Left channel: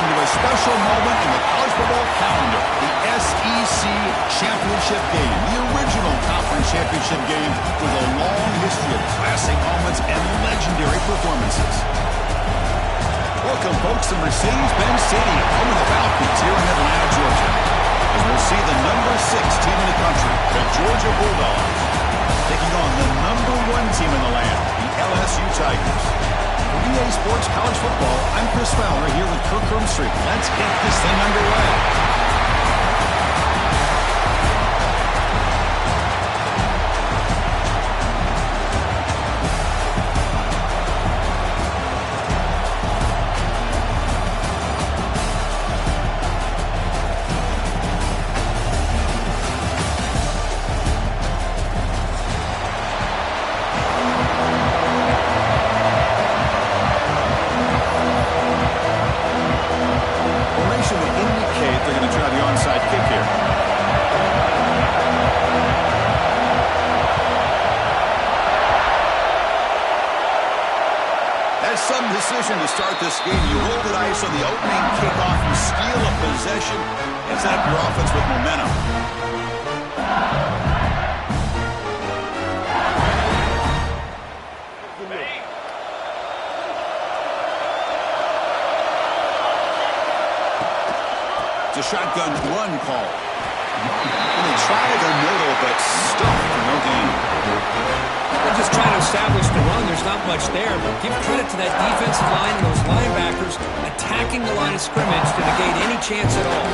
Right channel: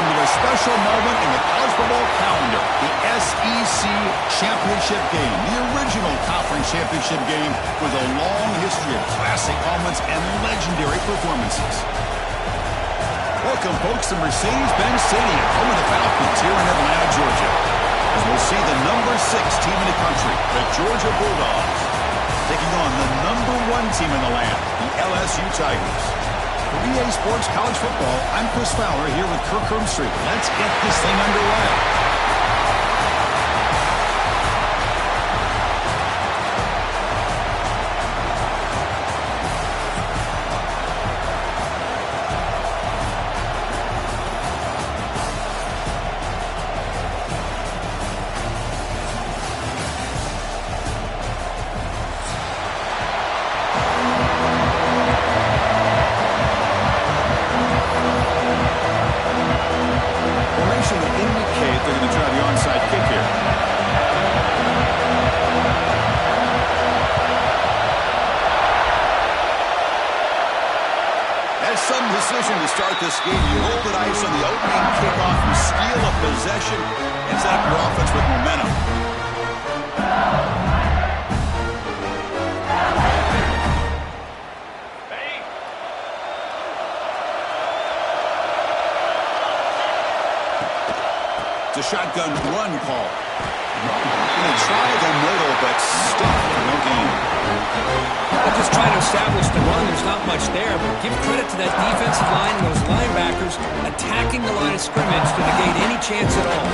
welcome to a special moment in the college football calendar, the SEC Championship game, the original conference championship game with a long history of classic moments and legendary performances. Welcome, folks, to Mercedes-Benz Stadium, home of the Falcons here in Atlanta, Georgia, as we'll see the number 6 team in the country, the Georgia Bulldogs, taking on the number 1 team in the land, the LSU Tigers. For EA Sports College Football, I'm Chris Fowler here with Kirk Hermstreet. Let's get this thing underway. Decision to start this game. You roll the dice on the opening kickoff. You steal a possession and set up your offense with momentum. It's a shotgun run call. And they try the middle, but stuffed for no gain. They're just trying to establish the run. There's not much there, but give credit to that defensive line and those linebackers attacking the line of scrimmage to negate any chance at all.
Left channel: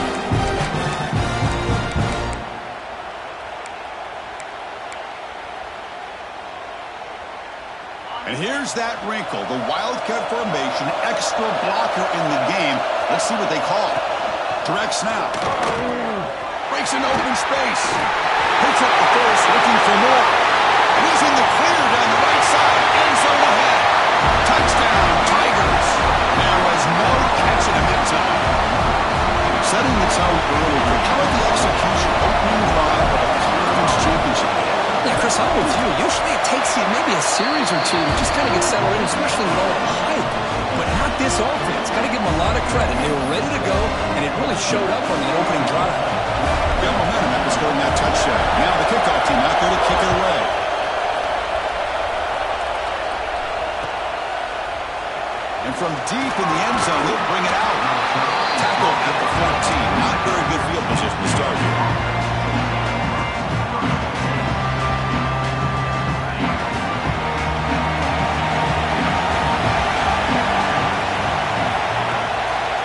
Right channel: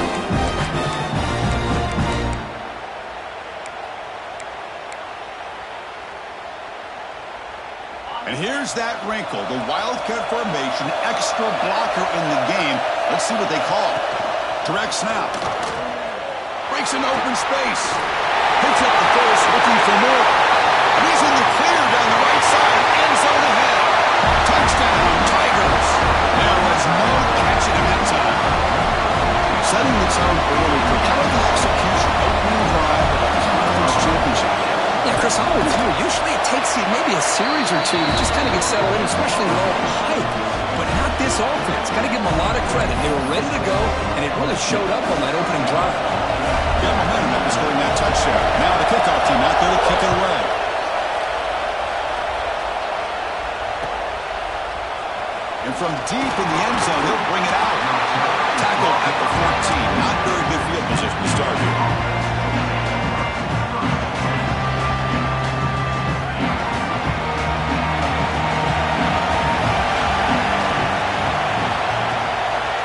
And here's that wrinkle, the Wildcat formation, extra blocker in the game. Let's see what they call. Direct snap. Breaks an open space. Picks up the first, looking for more. And he's in the clear down the right side. End zone ahead. Touchdown, Tigers. There was no catching him that time. Setting the tone early for how about the execution, opening drive of a conference championship game. Yeah, Chris, I'm with you. Usually it takes you maybe a series or two to just kind of get settled in, especially with all the hype. But not this offense. Got to give them a lot of credit. They were ready to go, and it really showed up on that opening drive. Got momentum after scoring that touchdown. Now the kickoff team out there to kick it away. And from deep in the end zone, he'll bring it out. Tackle at the 14. Not very good field position to start here.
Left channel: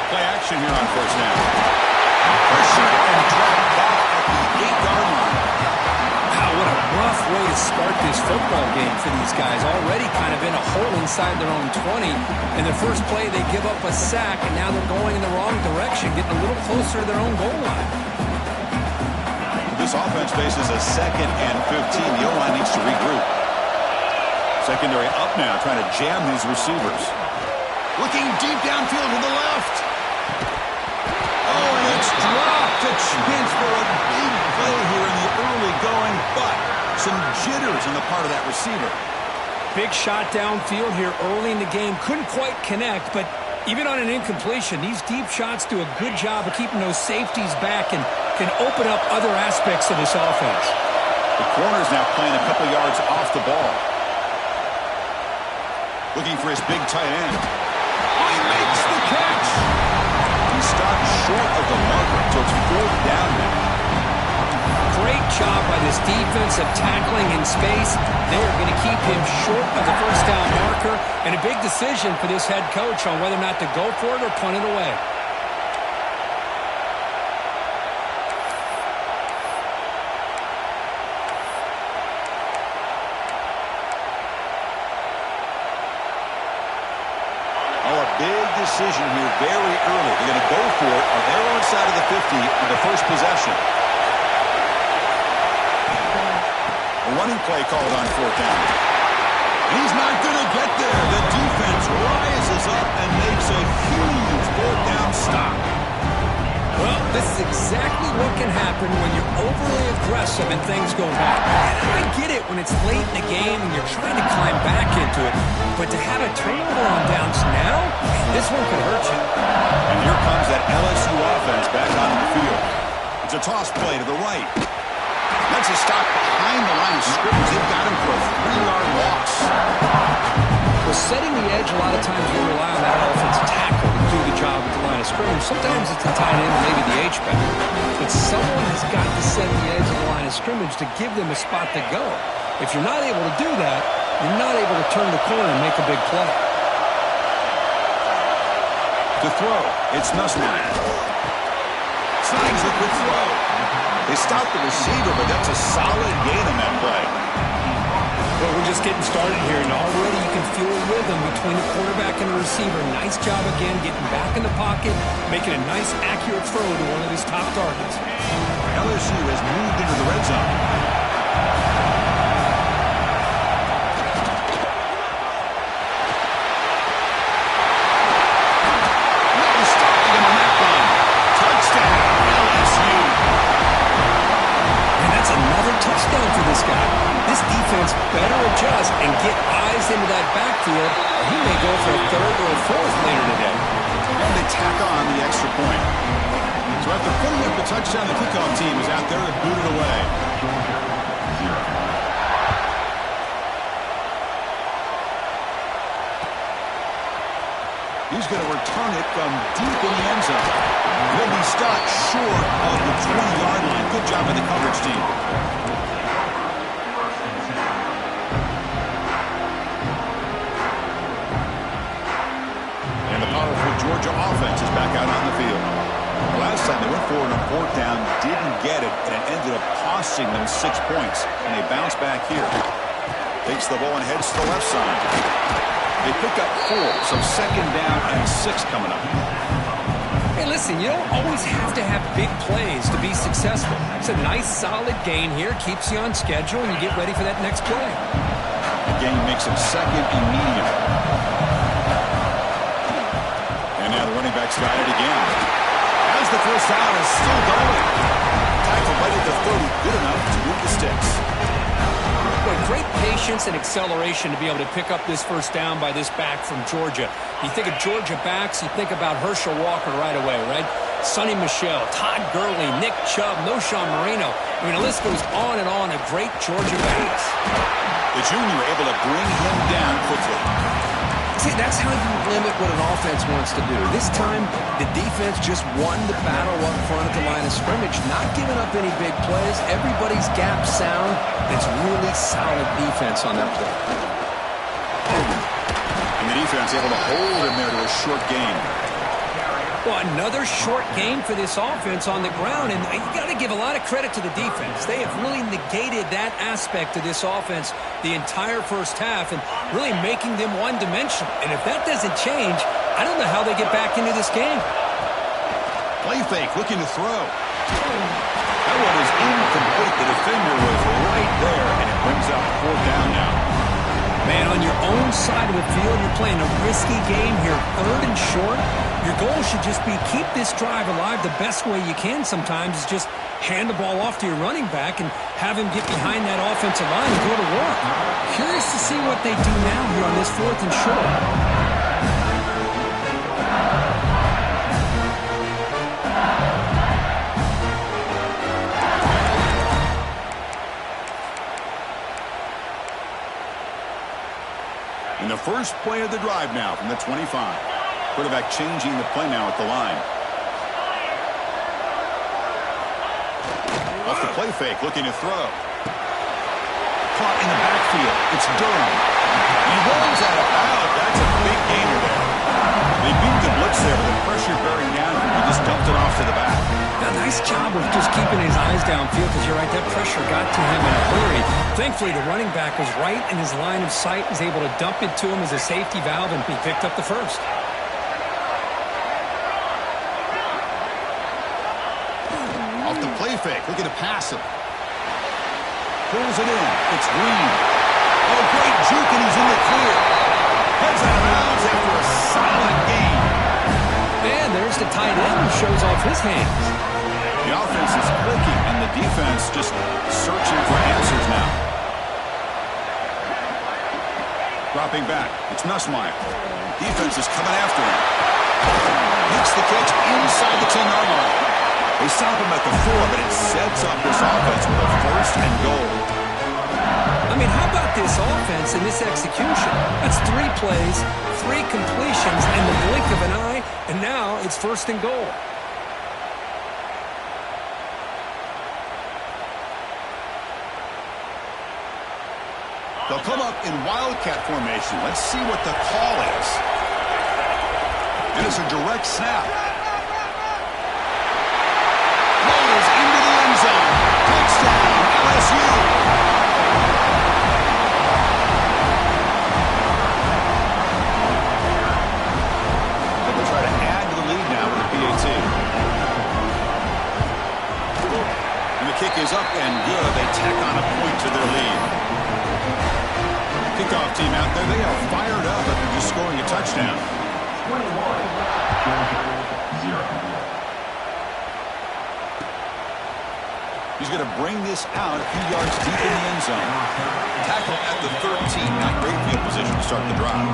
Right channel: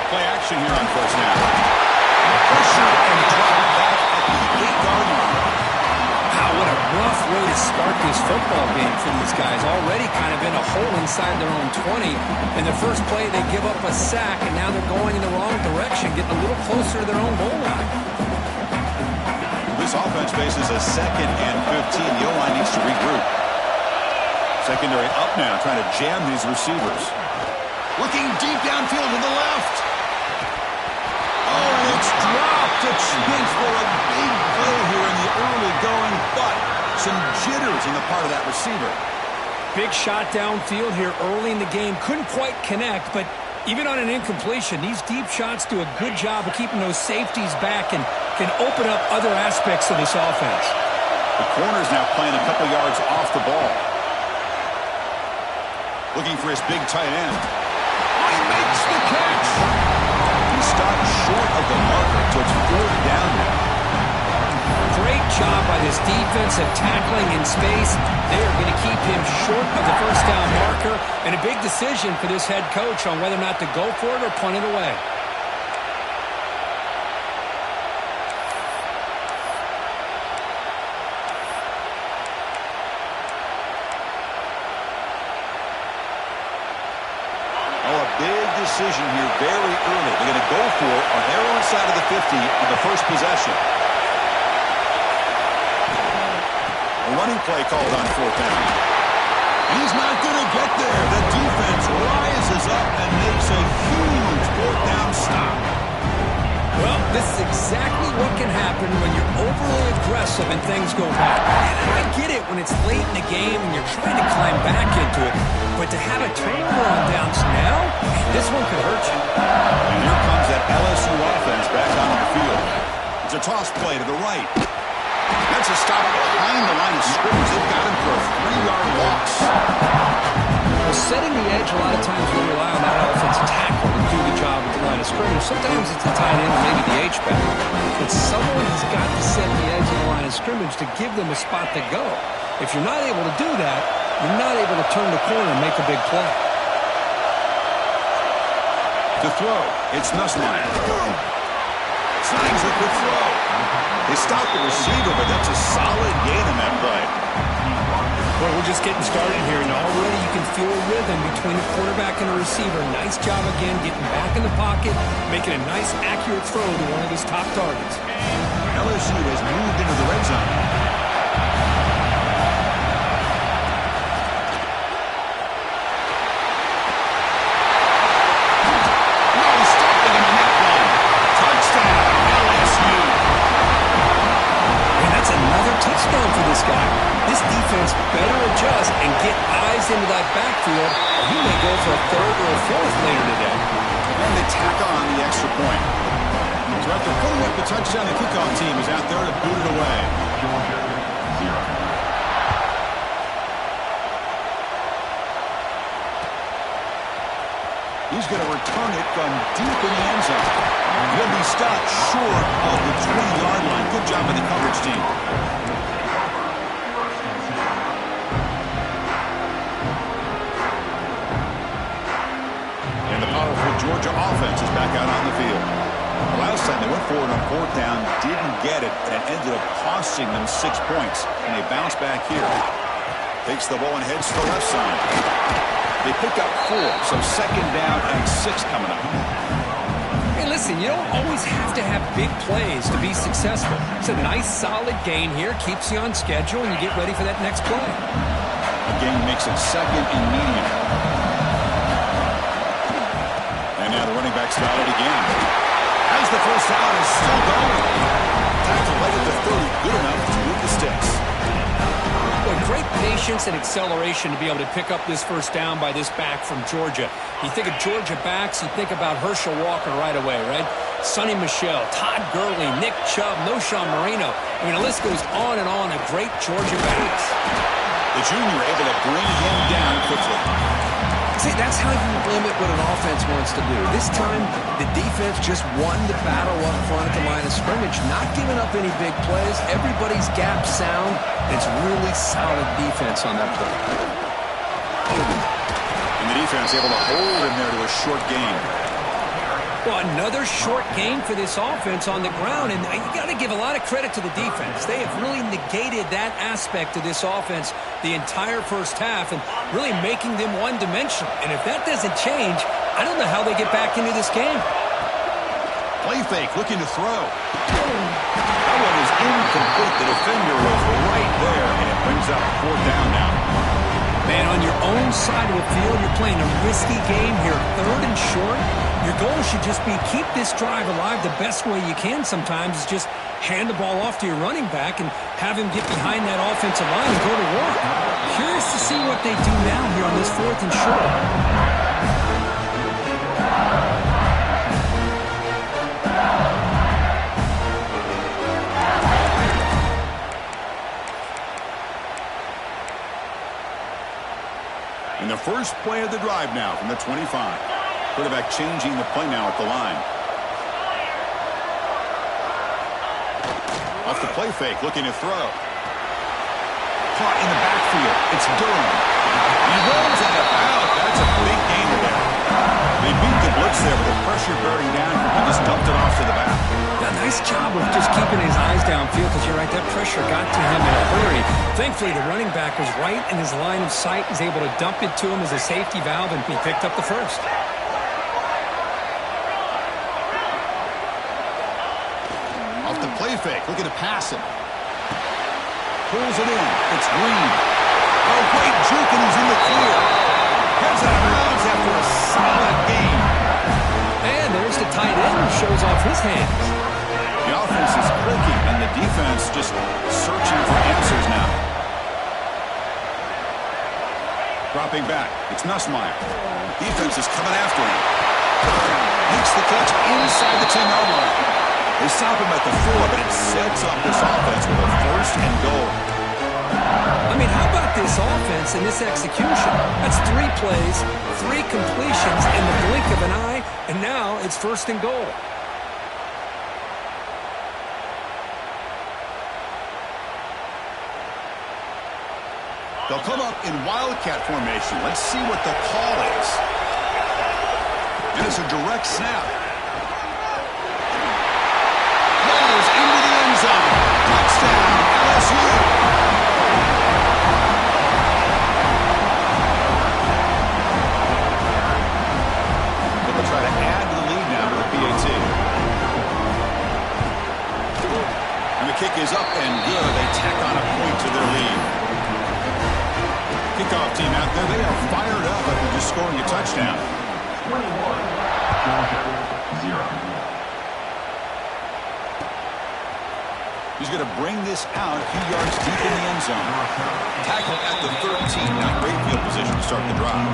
Play action here on first down. Pressured and dropped back at the 8-yard line. Wow, what a rough way to start this football game for these guys. Already kind of in a hole inside their own 20. In the first play, they give up a sack, and now they're going in the wrong direction, getting a little closer to their own goal line. This offense faces a 2nd and 15. The O-line needs to regroup. Secondary up now, trying to jam these receivers. Looking deep downfield to the left. Oh, and it's dropped. A chance for a big play here in the early going, but some jitters on the part of that receiver. Big shot downfield here early in the game. Couldn't quite connect, but even on an incompletion, these deep shots do a good job of keeping those safeties back and can open up other aspects of this offense. The corner's now playing a couple yards off the ball. Looking for his big tight end. Oh, he makes the catch. He stopped short of the marker, so it's 4th down now. Great job by this defense of tackling in space. They are going to keep him short of the first down marker, and a big decision for this head coach on whether or not to go for it or punt it away. Big decision here very early. They're going to go for it on their own side of the 50 on the first possession. A running play called on 4th down. And he's not going to get there. The defense rises up and makes a huge 4th down stop. Well, this is exactly what can happen when you're overly aggressive and things go bad. And I get it when it's late in the game and you're trying to climb back into it. But to have a turnover on downs now, man, this one could hurt you. And here comes that LSU offense back onto the field. It's a toss play to the right. That's a stop behind the line of scrimmage. They've got him for a 3-yard loss. Well, setting the edge, a lot of times we rely on that offensive tackle to do the job at the line of scrimmage. Sometimes it's the tight end or maybe the H-back. But someone has got to set the edge of the line of scrimmage to give them a spot to go. If you're not able to do that, you're not able to turn the corner and make a big play. To throw, it's Nussmeier. Snags a quick throw. They stopped the receiver, but that's a solid gain in that play. Well, we're just getting started here, and already you can feel a rhythm between the quarterback and the receiver. Nice job again getting back in the pocket, making a nice, accurate throw to one of his top targets. LSU has moved into the red zone. No stopping him on that run. Touchdown, LSU. And that's another touchdown for this guy. This defense better adjust and get eyes into that backfield, or he may go for a third or a fourth later today. And they tack on the extra point. So after putting up the touchdown, the kickoff team is out there to boot it away. Georgia, 0. He's going to return it from deep in the end zone. He'll be stopped short of the 20-yard line. Good job by the coverage team. And the powerful Georgia offense is back out on the field. Last time they went forward on 4th down, didn't get it, and it ended up costing them 6 points. And they bounce back here. Takes the ball and heads to the left side. They pick up 4, so 2nd down and 6 coming up. Hey, listen, you don't always have to have big plays to be successful. It's a nice, solid gain here, keeps you on schedule, and you get ready for that next play. The gain makes it 2nd and medium. And now the running back's got it again. As the first down is still going. Tackle right at the 30, good enough to move the sticks. Boy, great patience and acceleration to be able to pick up this first down by this back from Georgia. You think of Georgia backs, you think about Herschel Walker right away, right? Sonny Michel, Todd Gurley, Nick Chubb, Noshawn Marino. I mean, the list goes on and on of great Georgia backs. The junior able to bring him down quickly. See, that's how you limit what an offense wants to do. This time, the defense just won the battle up front at the line of scrimmage, not giving up any big plays. Everybody's gap sound. It's really solid defense on that play. And the defense able to hold him there to a short gain. Well, another short gain for this offense on the ground, and you got to give a lot of credit to the defense. They have really negated that aspect of this offense the entire first half and really making them one-dimensional. And if that doesn't change, I don't know how they get back into this game. Play fake, looking to throw. That one is incomplete. The defender was right there, and it brings up 4th down now. Man, on your own side of the field, you're playing a risky game here, 3rd and short. Your goal should just be keep this drive alive the best way you can sometimes is just hand the ball off to your running back and have him get behind that offensive line and go to work. Curious to see what they do now here on this 4th and short. And the first play of the drive now from the 25. Quarterback changing the play now at the line. Off the play fake, looking to throw. Caught in the backfield. It's Durham. He rolls out of bounds. That's a big gainer there. They beat the blitz there with the pressure bearing down. He just dumped it off to the back. A nice job of just keeping his eyes downfield because you're right, that pressure got to him in a hurry. Thankfully, the running back was right in his line of sight, was able to dump it to him as a safety valve, and he picked up the first. Off the play fake, looking to pass him. Pulls it in. It's Green. Oh, great juke, and he's in the clear. Heads out of bounds after a solid gain. And there's the tight end shows off his hands. The offense is clicking, and the defense just searching for answers now. Dropping back. It's Nussmeier. Defense is coming after him. Makes the catch inside the 10-yard line. They stop him at the 4, but it sets up this offense with a 1st and goal. I mean, how about this offense and this execution? That's 3 plays, 3 completions in the blink of an eye, and now it's 1st and goal. They'll come up in Wildcat formation. Let's see what the call is. And it's a direct snap. Rolls into the end zone. Touchdown, LSU. They'll try to add to the lead now with a PAT. And the kick is up and good. They tack on a point to their lead. Kickoff team out there, they are fired up after just scoring a touchdown. 21, Georgia, 0. He's going to bring this out a few yards deep in the end zone. Tackle at the 13. Not great field position to start the drive.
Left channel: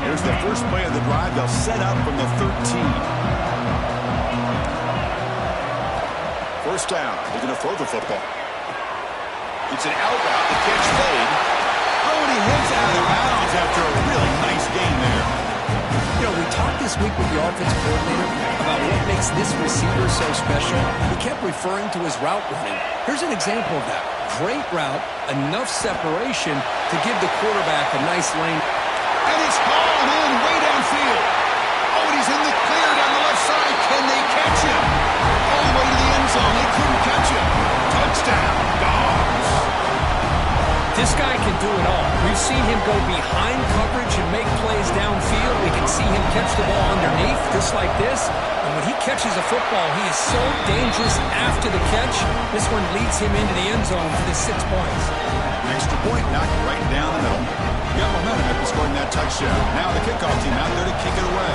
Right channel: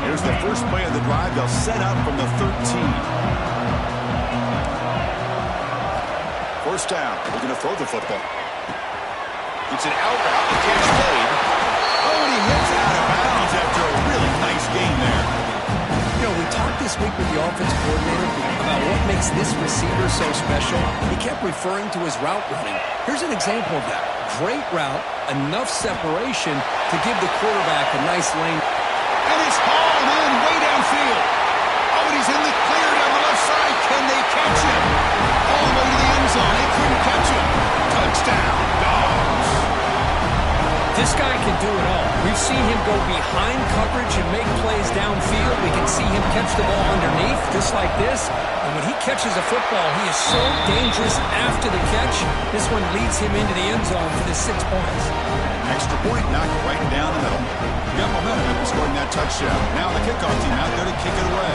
Here's the first play of the drive. They'll set up from the 13. First down. They're going to throw the football. It's an out route. The catch made. Oh, and he hits out of bounds after a really nice gain there. You know, we talked this week with the offense coordinator about what makes this receiver so special. He kept referring to his route running. Here's an example of that. Great route, enough separation to give the quarterback a nice lane. And it's hauled in way downfield. Oh, and he's in the clear down the left side. Can they catch him? All the way to the end zone. They couldn't catch him. Touchdown, Dogs. This guy can do it all. We've seen him go behind coverage and make plays downfield. We can see him catch the ball underneath, just like this. And when he catches a football, he is so dangerous after the catch. This one leads him into the end zone for the 6 points. Extra point knocked right down the middle. Got momentum after scoring that touchdown. Now the kickoff team out there to kick it away.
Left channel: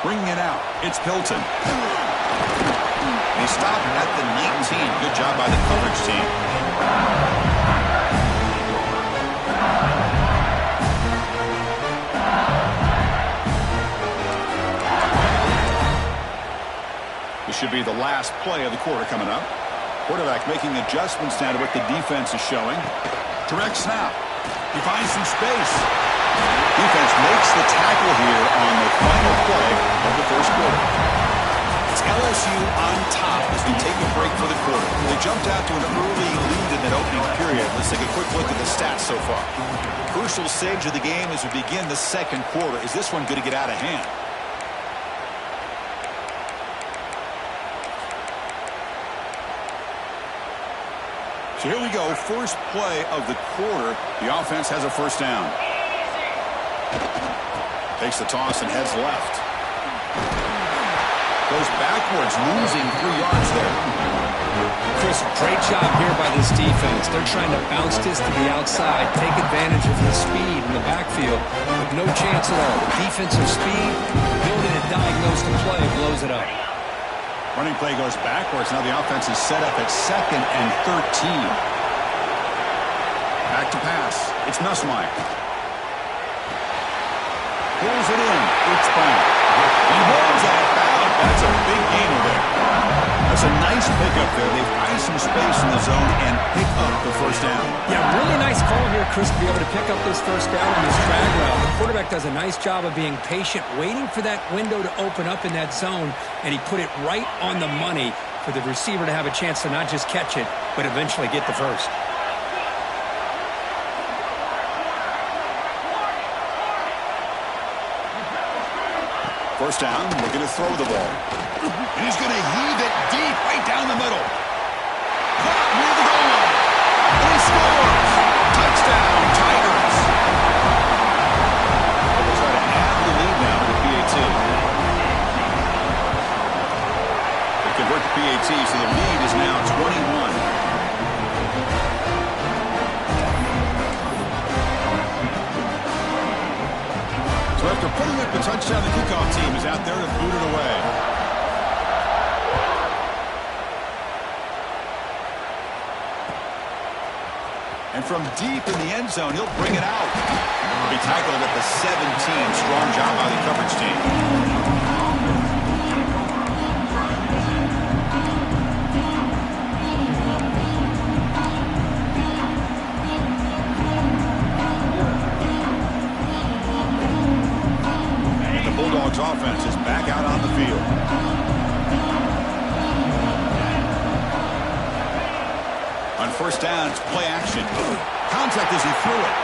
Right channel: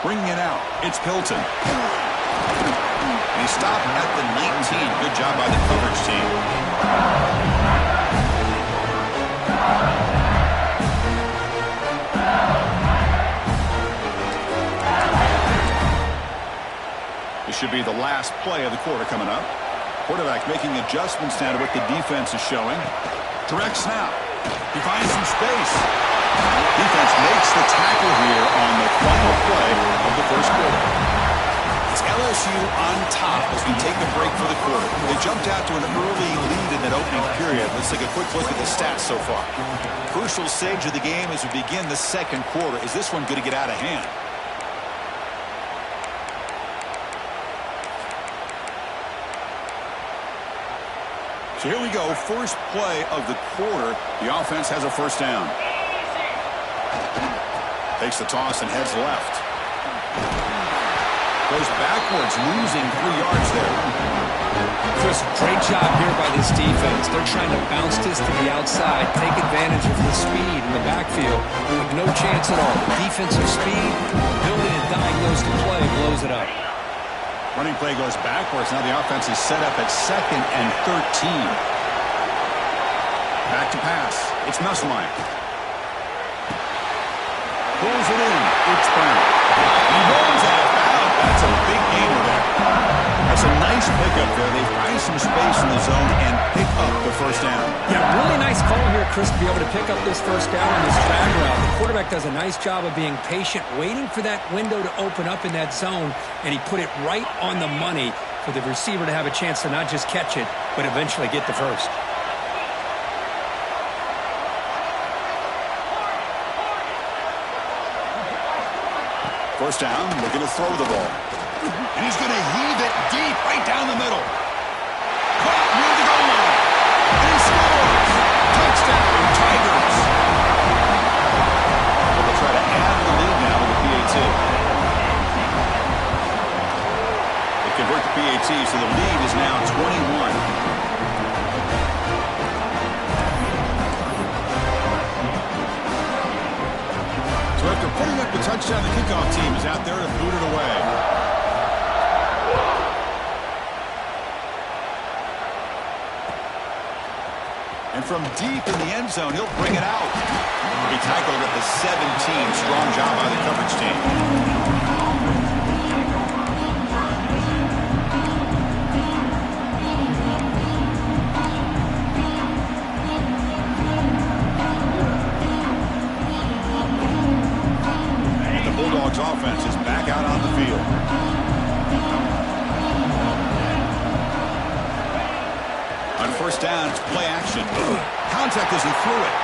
Bringing it out, it's Hilton. And he stopped at the 19. Good job by the coverage team. This should be the last play of the quarter coming up. Quarterback making adjustments now to what the defense is showing. Direct snap. He finds some space. Defense makes the tackle here on the final play of the first quarter. It's LSU on top as we take a break for the quarter. They jumped out to an early lead in that opening period. Let's take a quick look at the stats so far. Crucial stage of the game as we begin the second quarter. Is this one going to get out of hand? So here we go, first play of the quarter. The offense has a first down. Takes the toss and heads left. Goes backwards, losing 3 yards there. Chris, great job here by this defense. They're trying to bounce this to the outside, take advantage of the speed in the backfield, with no chance at all. The defensive speed, building and diagnosed the play, blows it up. Running play goes backwards. Now the offense is set up at 2nd and 13. Back to pass. It's Nussmeier. Pulls it in. It's Brown. He rolls out of bounds. That's a big gainer there. That's a nice pickup there. They find some space in the zone and pick up the first down. Yeah, really nice call here, Chris, to be able to pick up this first down on this drag route. The quarterback does a nice job of being patient, waiting for that window to open up in that zone, and he put it right on the money for the receiver to have a chance to not just catch it, but eventually get the first. First down, looking to throw the ball. And he's going to heave it deep right down the middle. Caught near the goal line. And he scores. Touchdown, Tigers. But they'll try to add to the lead now with the PAT. receive, so the lead is now 21. So after putting up the touchdown, the kickoff team is out there to boot it away. And from deep in the end zone, he'll bring it out. He'll be tackled at the 17. Strong job by the coverage team. And the Bulldogs offense is back out on the field. On first down, it's play action. Contact as he threw it.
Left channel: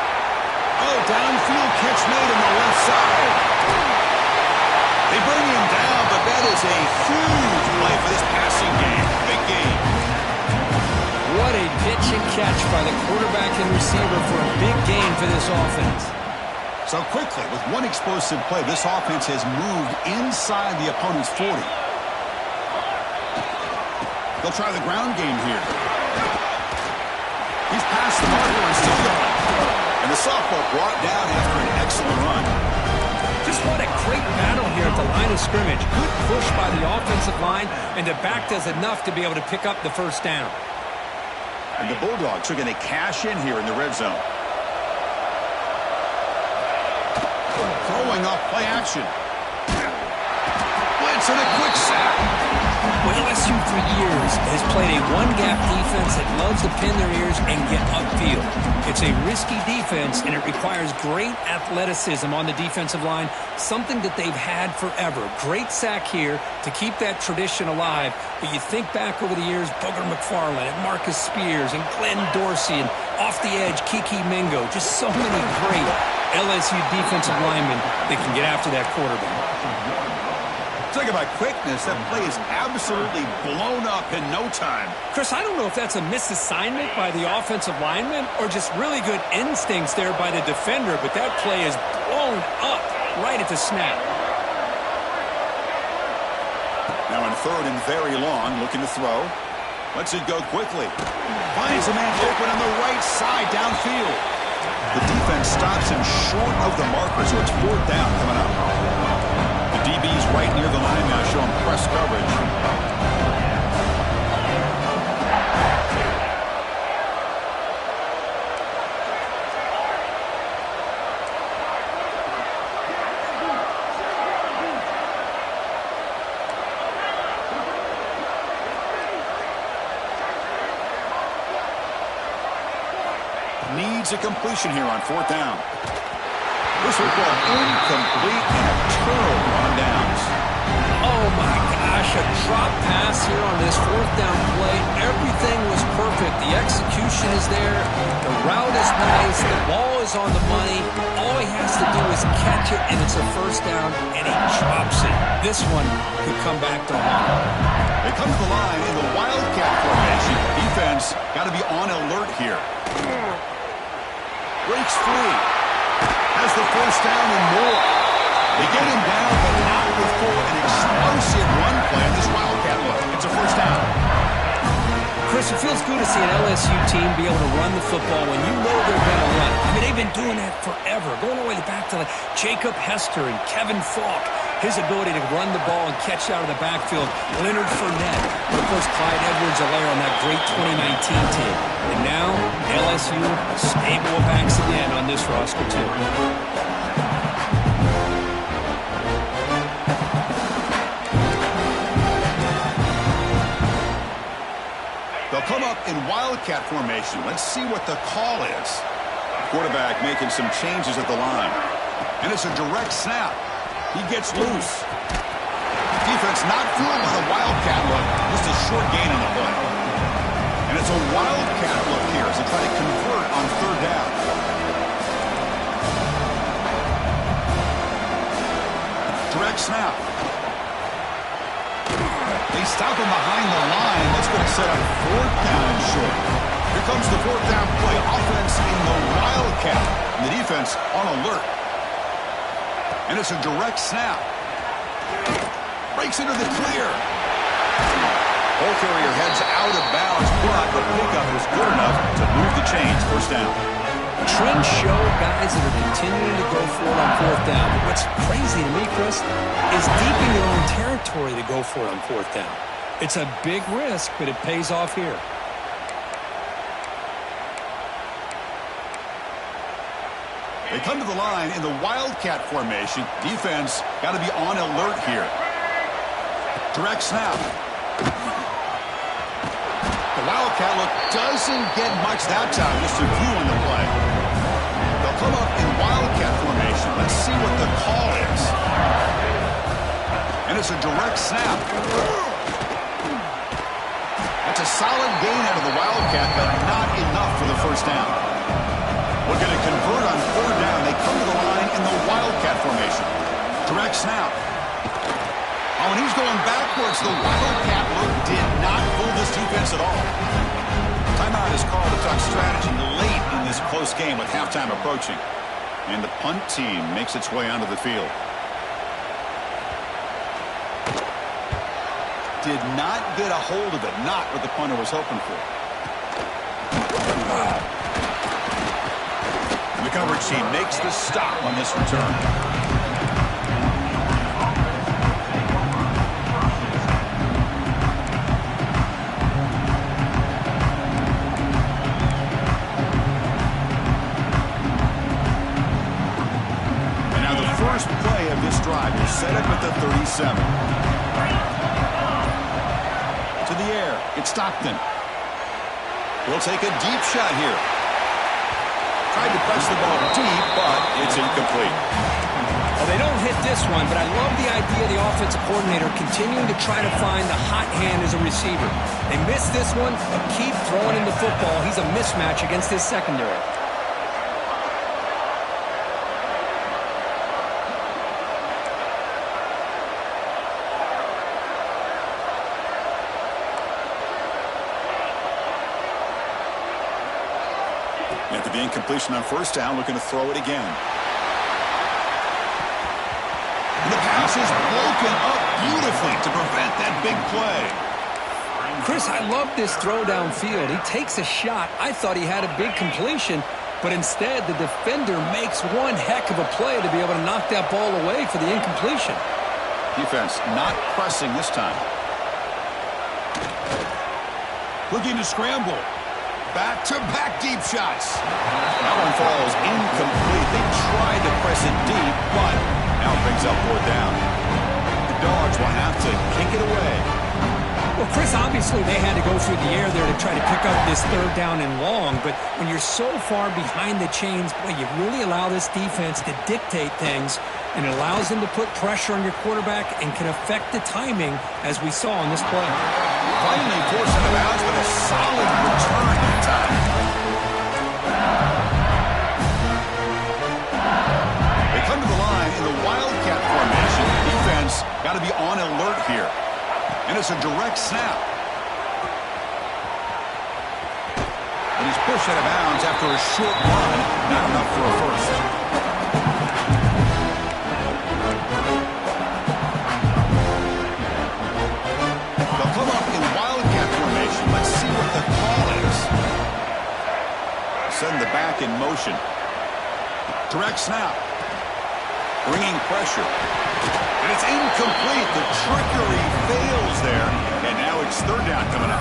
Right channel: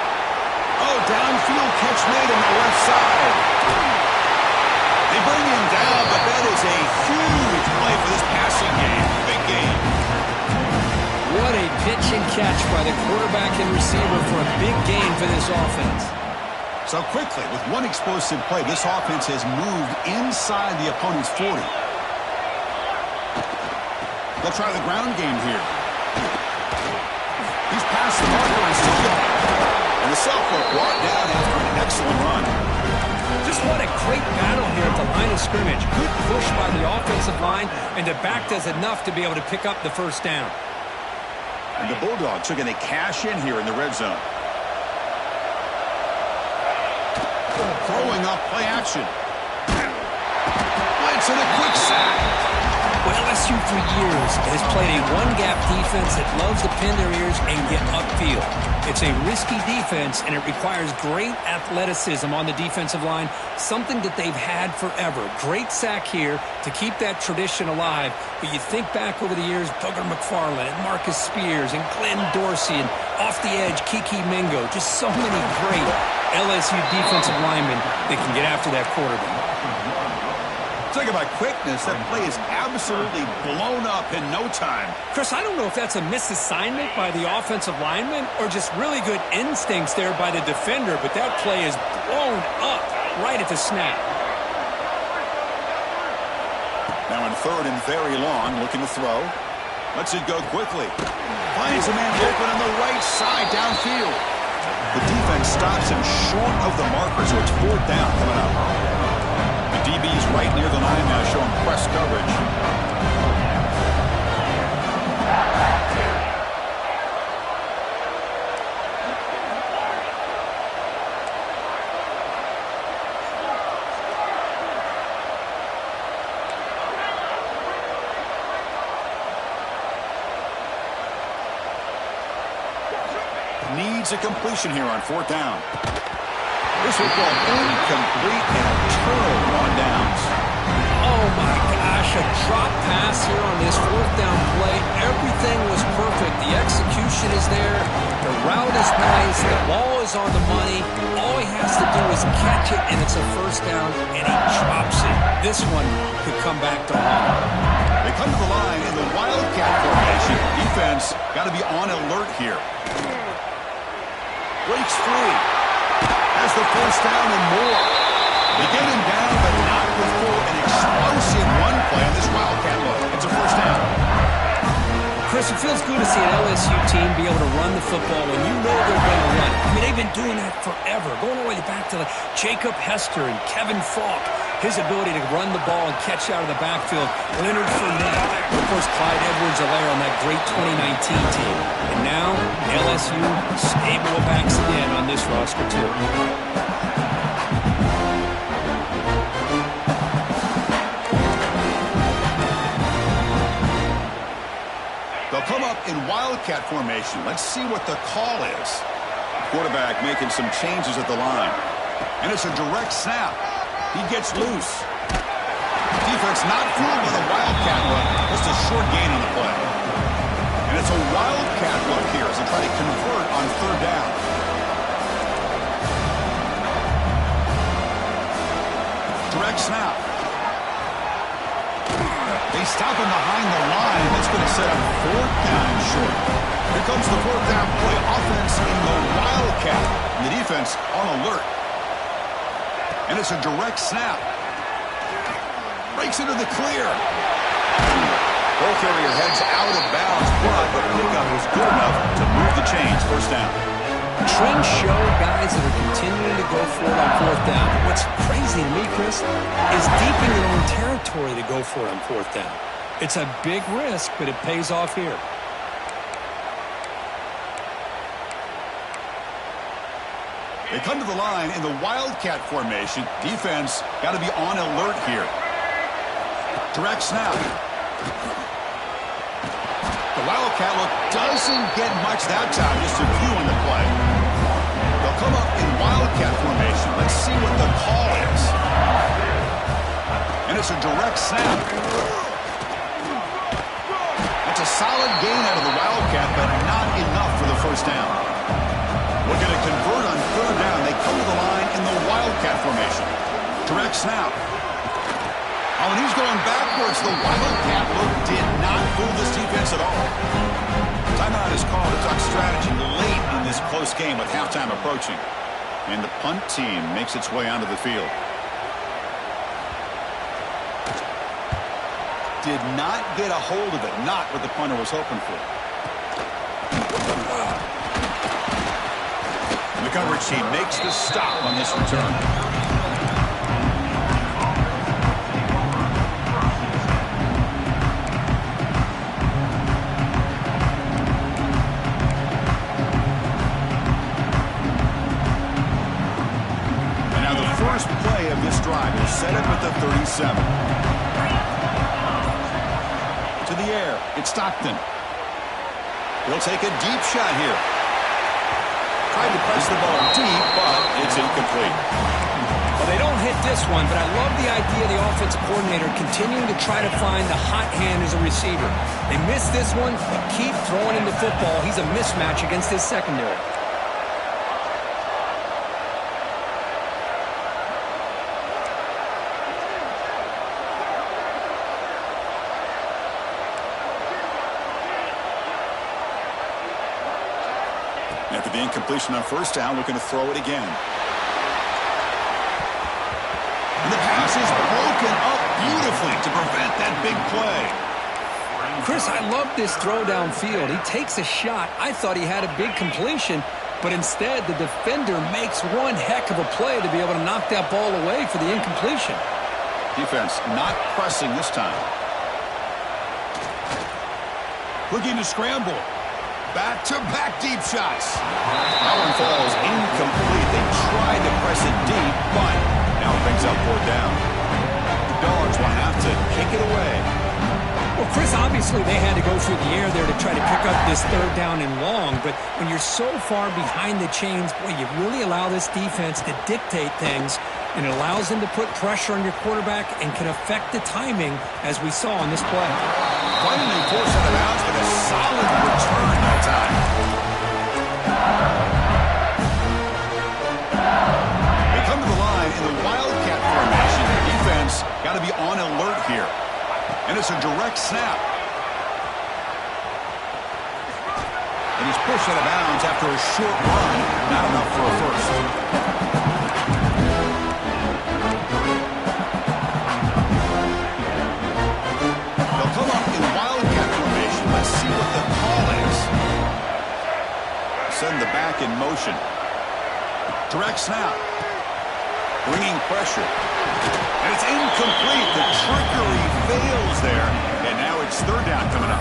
Oh, downfield catch made on the left side. They bring him down, but that is a huge play for this passing game. Big game. What a pitch and catch by the quarterback and receiver for a big gain for this offense. So quickly, with one explosive play, this offense has moved inside the opponent's 40. They'll try the ground game here. He's past the marker and still going. And the sophomore brought down after an excellent run. Just what a great battle here at the line of scrimmage. Good push by the offensive line, and the back does enough to be able to pick up the first down. And the Bulldogs are going to cash in here in the red zone. Throwing off play action. Blitz and a quick sack. Well, LSU for years has played a one-gap defense that loves to pin their ears and get upfield. It's a risky defense, and it requires great athleticism on the defensive line, something that they've had forever. Great sack here to keep that tradition alive. But you think back over the years, Booger McFarland and Marcus Spears and Glenn Dorsey and off the edge, Kiki Mingo. Just so many great LSU defensive linemen that can get after that quarterback. Talk about quickness. That play is absolutely blown up in no time. Chris, I don't know if that's a misassignment by the offensive lineman or just really good instincts there by the defender, but that play is blown up right at the snap. Now in third and very long, looking to throw. Lets it go quickly. Finds a man open on the right side downfield. The defense stops him short of the marker, so it's fourth down coming up. The DB's right near the line now, showing press coverage. Needs a completion here on fourth down. This football incomplete and a turnover on downs. Oh my gosh, a drop pass here on this fourth down play. Everything was perfect. The execution is there. The route is nice. The ball is on the money. All he has to do is catch it, and it's a first down, and he drops it. This one could come back to haunt. They come to the line in the Wildcat formation. Defense got to be on alert here. Breaks free. Has the first down and more. They get him down, but not before an explosive run play on this Wildcat look. It's a first down. Chris, it feels good to see an LSU team be able to run the football when you know they're going to run. I mean, they've been doing that forever, going all the way back to like Jacob Hester and Kevin Falk. His ability to run the ball and catch out of the backfield. Leonard Fournette. And, of course, Clyde Edwards-Helaire on that great 2019 team. And now, LSU, stable of backs again on this roster, too. They'll come up in Wildcat formation. Let's see what the call is. Quarterback making some changes at the line. And it's a direct snap. He gets loose. Defense not fooled by the Wildcat look. Just a short gain on the play. And it's a Wildcat look here as they try to convert on third down. Direct snap. They stop him behind the line. That's going to set up fourth down and short. Here comes the fourth down play. Offense in the Wildcat. And the defense on alert. And it's a direct snap. Breaks into the clear. Ball carrier heads out of bounds, but the pickup was good enough to move the chains. First down. Trends show guys that are continuing to go for it on fourth down. But what's crazy to me, Chris, is deep in your own territory to go for it on fourth down. It's a big risk, but it pays off here. They come to the line in the Wildcat formation. Defense got to be on alert here. Direct snap. The Wildcat look doesn't get much that time, just a few on the play. They'll come up in Wildcat formation. Let's see what the call is. And it's a direct snap. That's a solid gain out of the Wildcat, but not enough for the first down. Looking to convert on third down. They come to the line in the Wildcat formation. Direct snap. Oh, and he's going backwards. The Wildcat look did not fool this defense at all. Timeout is called to talk strategy late in this close game with halftime approaching. And the punt team makes its way onto the field. Did not get a hold of it. Not what the punter was hoping for. The coverage team makes the stop on this return. First play of this drive will set up at the 37. To the air, it's Stockton. He'll take a deep shot here. Tried to press the ball deep, but it's incomplete. Well, they don't hit this one, but I love the idea of the offensive coordinator continuing to try to find the hot hand as a receiver. They missed this one, but keep throwing him the football. He's a mismatch against his secondary. After the incompletion on first down, looking to throw it again. And the pass is broken up beautifully to prevent that big play. Chris, I love this throw downfield. He takes a shot. I thought he had a big completion, but instead the defender makes one heck of a play to be able to knock that ball away for the incompletion. Defense not pressing this time. Looking to scramble. Back-to-back deep shots. That one falls incomplete. They tried to press it deep, but now it brings up fourth down. The Dogs will have to kick it away. Well, Chris, obviously they had to go through the air there to try to pick up this third down and long, but when you're so far behind the chains, boy, you really allow this defense to dictate things, and it allows them to put pressure on your quarterback and can affect the timing, as we saw on this play. Finally forced out of bounds, but a solid return that time. They come to the line in the Wildcat formation. Defense got to be on alert here. And it's a direct snap. And he's pushed out of bounds after a short run. Not enough for a first. They'll come up in Wildcat formation. Let's see what the call is. Send the back in motion. Direct snap. Bringing pressure. And it's incomplete. The trickery fails there. And now it's third down coming up.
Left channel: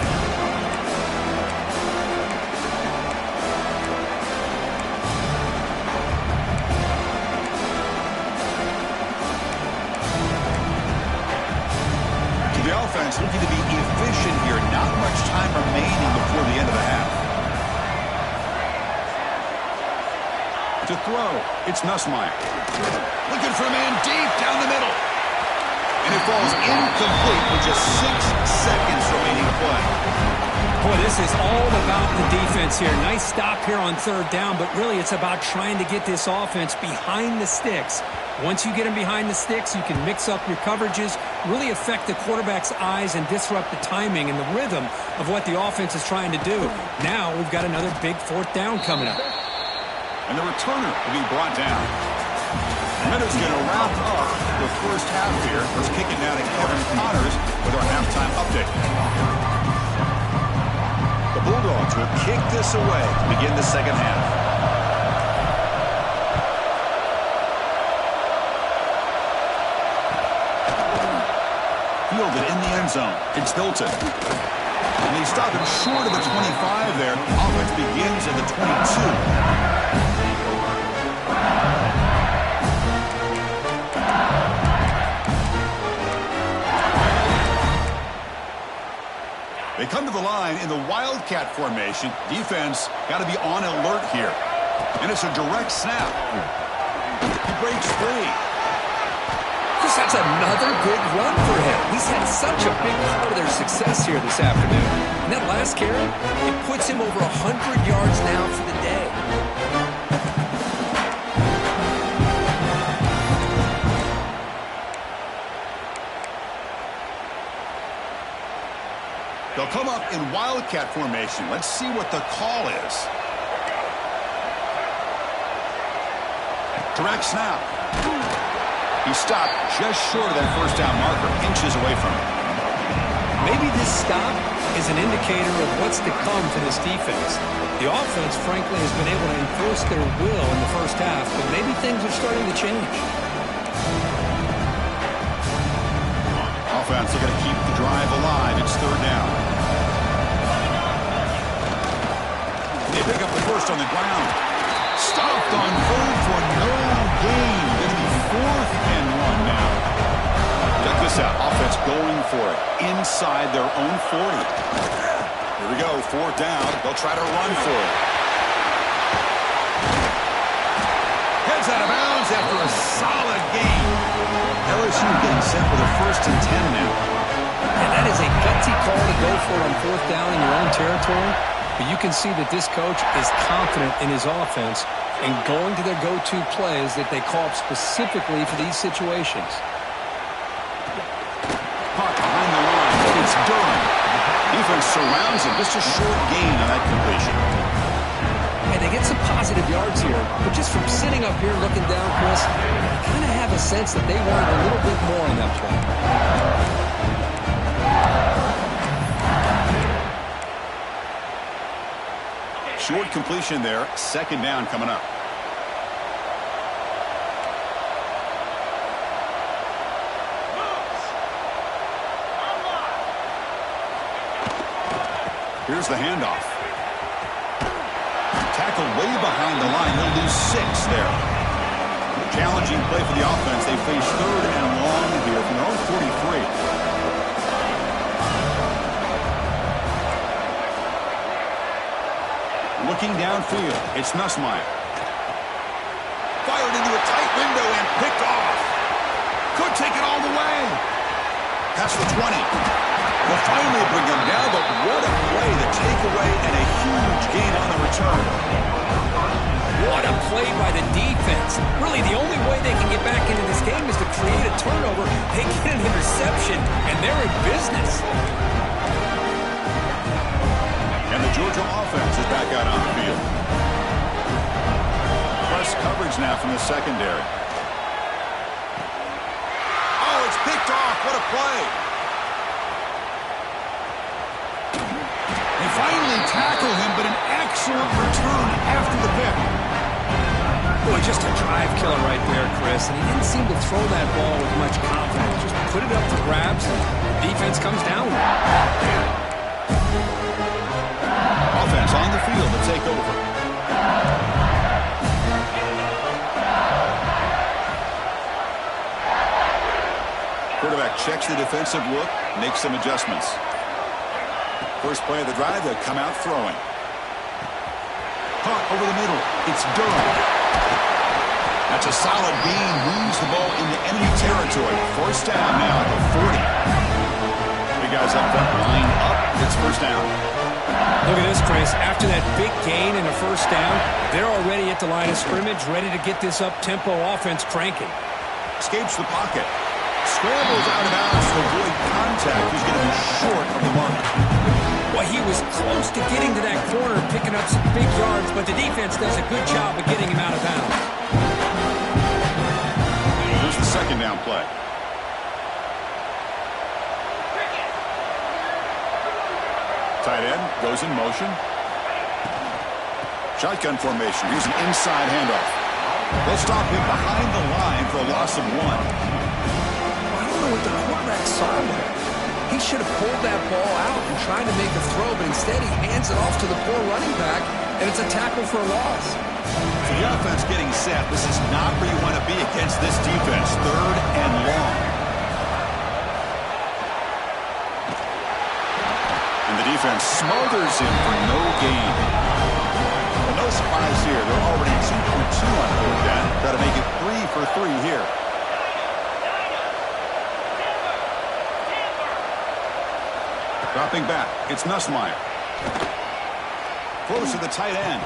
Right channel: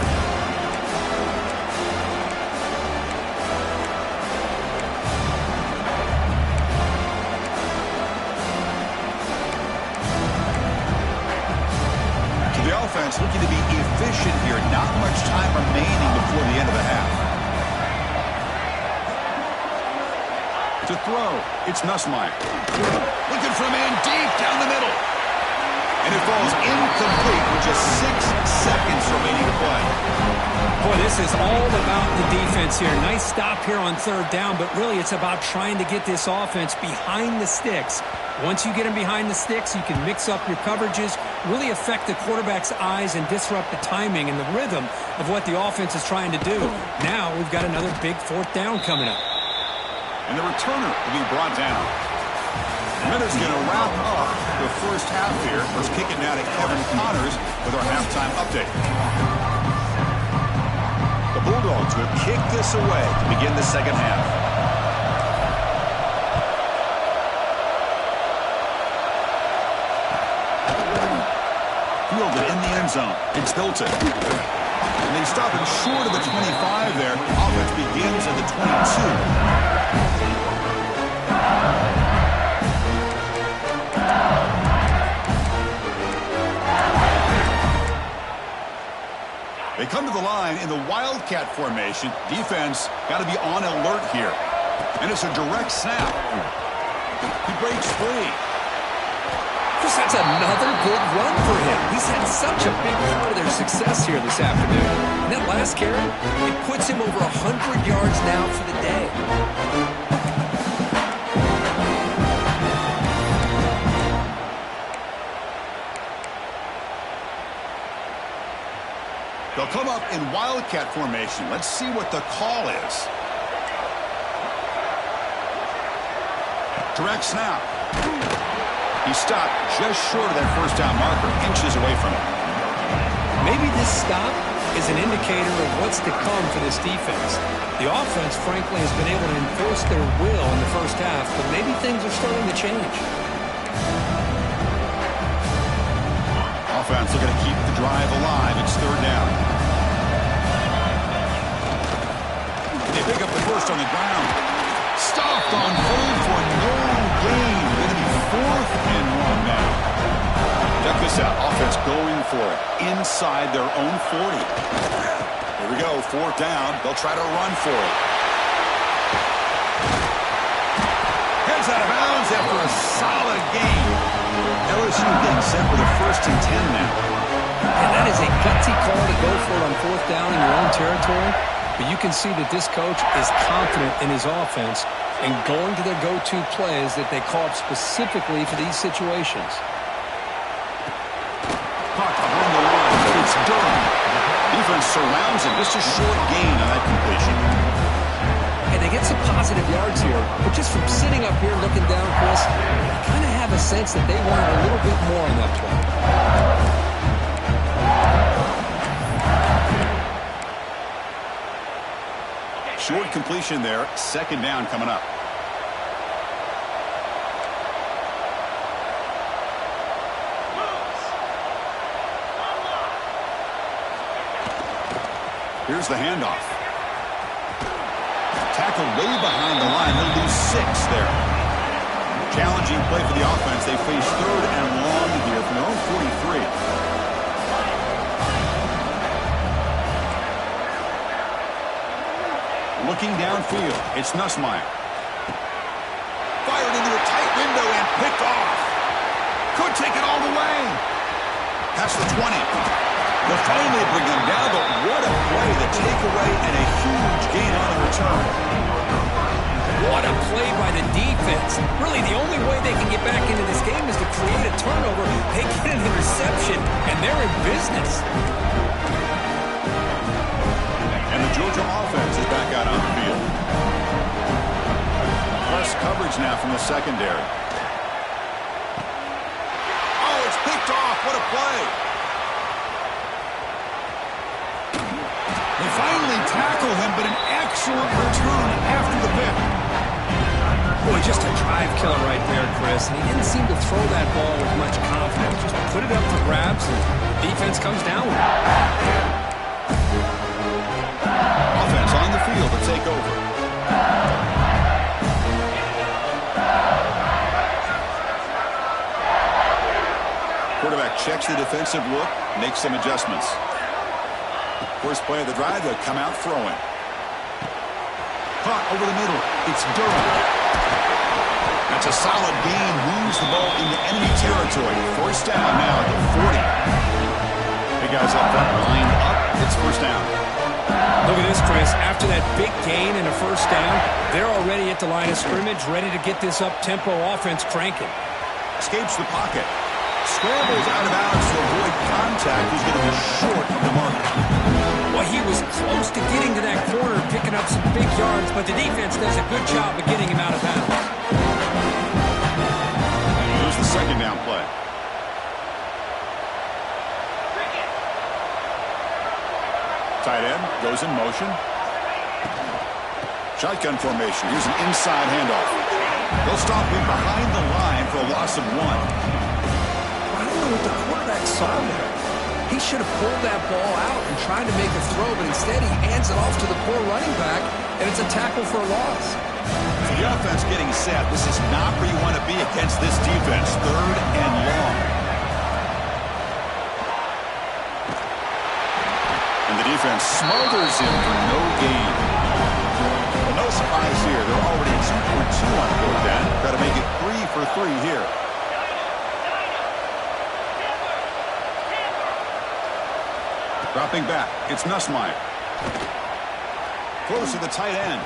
To the offense, looking to be efficient here. Not much time remaining before the end of the half. To throw, it's Nussmeier. Looking for a man deep down the middle. And it falls incomplete with just 6 seconds remaining to play. Boy, this is all about the defense here. Nice stop here on third down, but really it's about trying to get this offense behind the sticks. Once you get them behind the sticks, you can mix up your coverages, really affect the quarterback's eyes and disrupt the timing and the rhythm of what the offense is trying to do. Now we've got another big fourth down coming up. And the returner will be brought down. Minute's going to wrap up the first half here. Let's kick it now to Kevin Connors with our halftime update. The Bulldogs will kick this away to begin the second half. Fielded in the end zone. It's Hilton. And they stop it short of the 25 there. Offense begins at the 22. They come to the line in the Wildcat formation. Defense got to be on alert here. And it's a direct snap. He breaks free. Chris, that's another good run for him. He's had such a big part of their success here this afternoon. And that last carry, it puts him over 100 yards now for the day. They'll come up in Wildcat formation. Let's see what the call is. Direct snap. He stopped just short of that first down marker, inches away from it. Maybe this stop is an indicator of what's to come for this defense. The offense, frankly, has been able to enforce their will in the first half, but maybe things are starting to change. Offense looking to keep the drive alive. It's third down. They pick up the first on the ground. Stopped on third for no gain. Going to be 4th and 1 now. Check this out. Offense going for it inside their own 40. Here we go. 4th down. They'll try to run for it. Heads out of bounds after a solid game. LSU getting set for the 1st and 10 now. And that is a gutsy call to go for it on 4th down in your own territory. But you can see that this coach is confident in his offense and going to their go-to plays that they call up specifically for these situations. Caught behind the line. It's Durham. Defense surrounds him. Just a short gain on that completion. Hey, they get some positive yards here, but just from sitting up here looking down, Chris, I kind of have a sense that they wanted a little bit more on that play. Short completion there. 2nd down coming up. Here's the handoff. Tackled way behind the line. They'll lose 6 there. Challenging play for the offense. They face 3rd and long here from their own 43. Looking downfield, it's Nussmeier. Fired into a tight window and picked off. Could take it all the way. Past the 20. They'll finally bring him down, but what a play. The takeaway and a huge gain on the return. What a play by the defense. Really, the only way they can get back into this game is to create a turnover. They get an interception, and they're in business. And the Georgia offense is back out on the field. Press coverage now from the secondary. Oh, it's picked off. What a play. They finally tackle him, but an excellent return after the pick. Boy, just a drive killer right there, Chris. And he didn't seem to throw that ball with much confidence. Just put it up for grabs, and the defense comes down with it. Offense on the field to take over. Quarterback checks the defensive look, makes some adjustments. First play of the drive, they'll come out throwing. Caught over the middle. It's Durham. That's a solid gain. Moves the ball into enemy territory. 1st down now at the 40. Big guys up front lined up. It's 1st down. Look at this, Chris. After that big gain and a 1st down, they're already at the line of scrimmage, ready to get this up-tempo offense cranking. Escapes the pocket. Scrambles out of bounds to avoid contact. He's going to be short of the mark. Well, he was close to getting to that corner, picking up some big yards, but the defense does a good job of getting him out of bounds. down play. Tight end goes in motion. Shotgun formation. Here's an inside handoff. They'll stop him behind the line for a loss of 1. I don't know what the quarterback saw there. He should have pulled that ball out and tried to make a throw, but instead he hands it off to the poor running back, and it's a tackle for a loss. So the offense getting set. This is not where you want to be against this defense. 3rd and long. And the defense smothers him for no gain. Well, no surprise here. They're already 2 for 2 on 4th down. Try to make it 3 for 3 here. Dropping back, it's Nussmeier. Close to the tight end.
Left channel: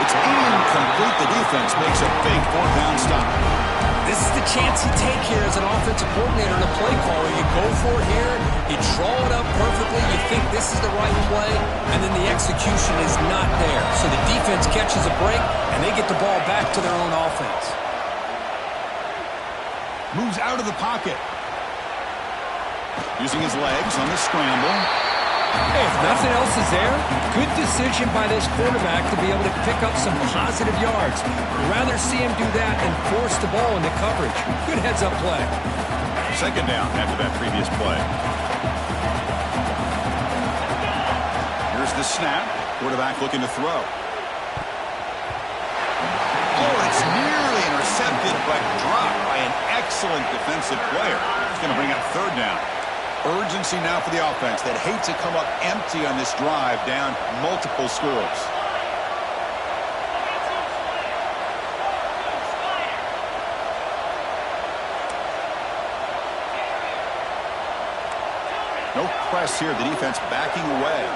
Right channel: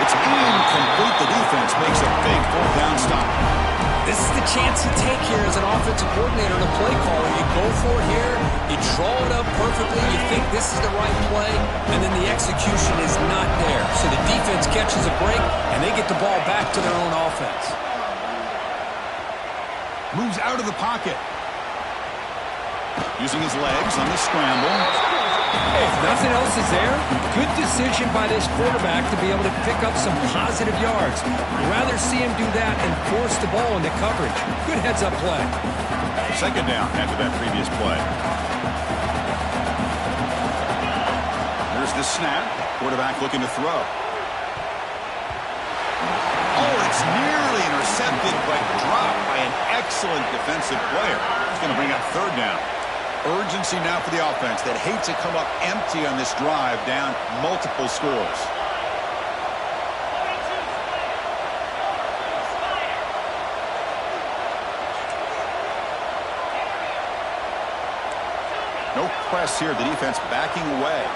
It's incomplete. The defense makes a big 4th down stop. This is the chance you take here as an offensive coordinator and a play caller. You go for it here, you draw it up perfectly, you think this is the right play, and then the execution is not there. So the defense catches a break, and they get the ball back to their own offense. Moves out of the pocket. Using his legs on the scramble. Hey, if nothing else is there, good decision by this quarterback to be able to pick up some positive yards. I'd rather see him do that than force the ball into coverage. Good heads-up play. 2nd down after that previous play. Here's the snap. Quarterback looking to throw. Oh, it's nearly intercepted, but dropped by an excellent defensive player. It's going to bring up 3rd down. Urgency now for the offense that hate to come up empty on this drive, down multiple scores. No press here. The defense backing away.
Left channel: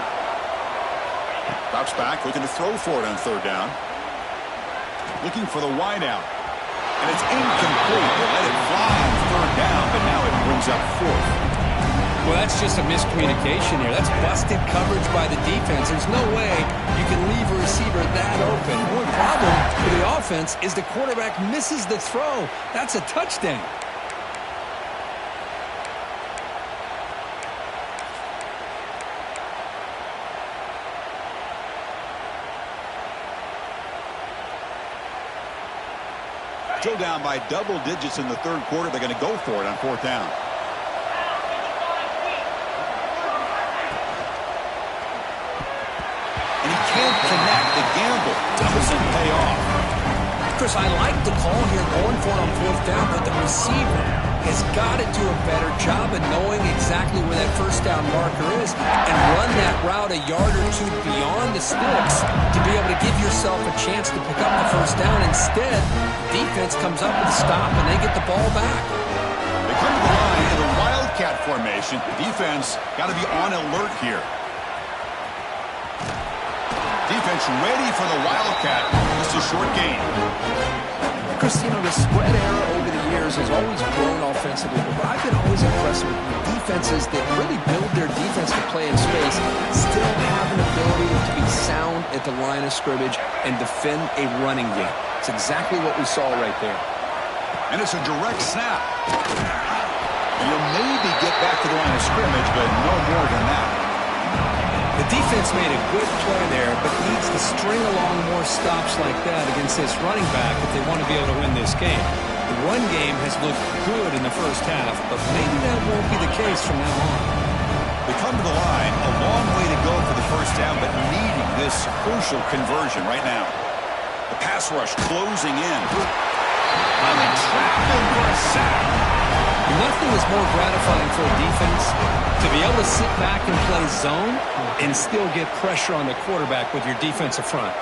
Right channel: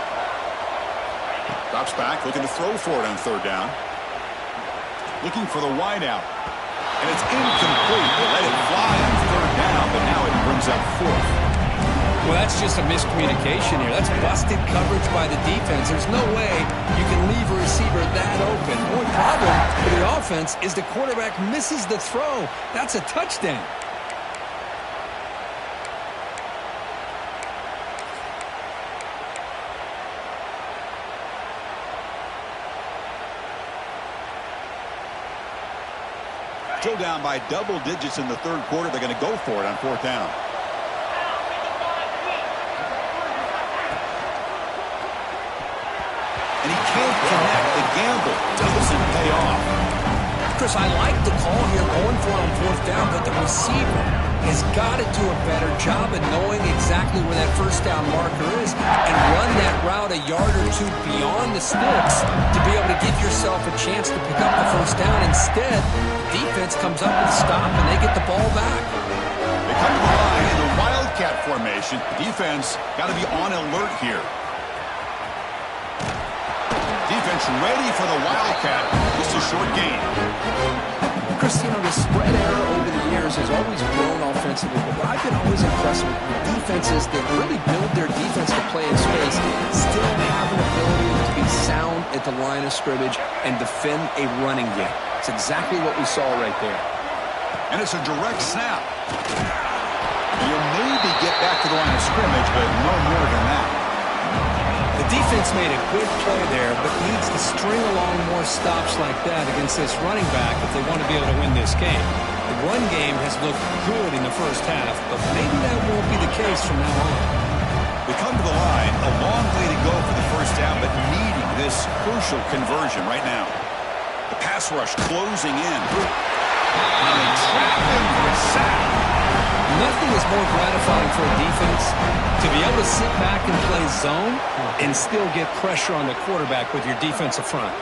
Drops back, looking to throw for it on 3rd down. Looking for the wide out. And it's incomplete. They let it fly on 3rd down, but now it brings up 4th. Well, that's just a miscommunication here. That's busted coverage by the defense. There's no way you can leave a receiver that open. The only problem for the offense is the quarterback misses the throw. That's a touchdown. Still down by double digits in the 3rd quarter. They're going to go for it on 4th down. And he can't connect. The gamble doesn't pay off. Chris, I like the call here going for it on 4th down, but the receiver has got to do a better job of knowing exactly where that 1st down marker is and run that route a yard or 2 beyond the sticks to be able to give yourself a chance to pick up the 1st down. Instead, the defense comes up with a stop and they get the ball back. They come to the line in the Wildcat formation. The defense got to be on alert here. Defense ready for the Wildcat. Just a short gain. Chris, you know, the spread era over the years has always grown offensively, but what I've been always impressed with defenses that really build their defense to play in space still have an ability to be sound at the line of scrimmage and defend a running game. It's exactly what we saw right there. And it's a direct snap. You'll maybe get back to the line of scrimmage, but no more than that. The defense made a good play there, but needs to string along more stops like that against this running back if they want to be able to win this game. The run game has looked good in the 1st half, but maybe that won't be the case from now on. They come to the line, a long way to go for the 1st down, but needing this crucial conversion right now. The pass rush closing in. And they trap him for a sack. Nothing is more gratifying for a defense to be able to sit back and play zone and still get pressure on the quarterback with your defensive front.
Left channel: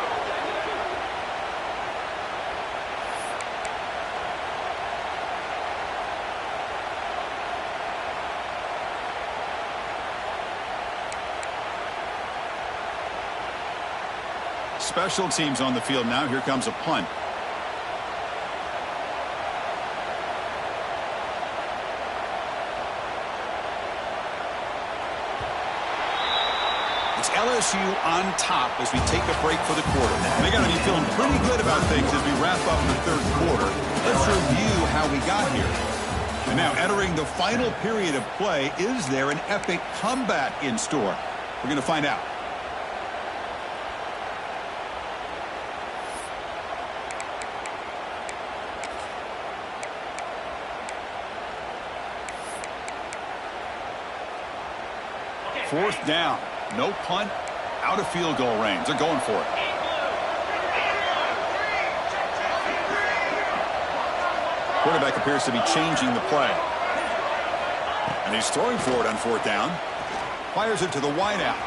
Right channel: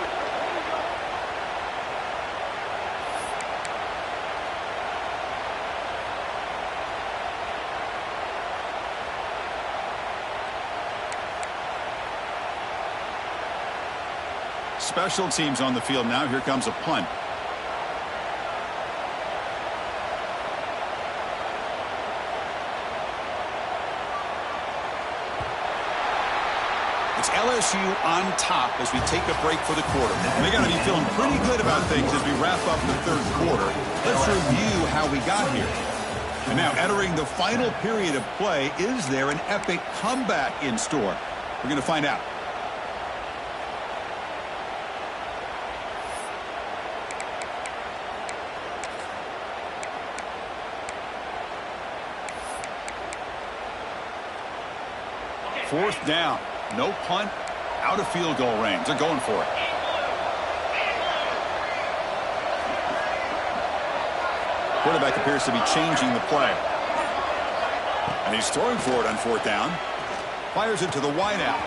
Special teams on the field now. Here comes a punt. It's LSU on top as we take a break for the quarter. They got to be feeling pretty good about things as we wrap up the third quarter. Let's review how we got here. And now, entering the final period of play, is there an epic comeback in store? We're going to find out. Fourth down. No punt. Out of field goal range. They're going for it. Quarterback appears to be changing the play. And he's throwing for it on fourth down. Fires it to the wideout.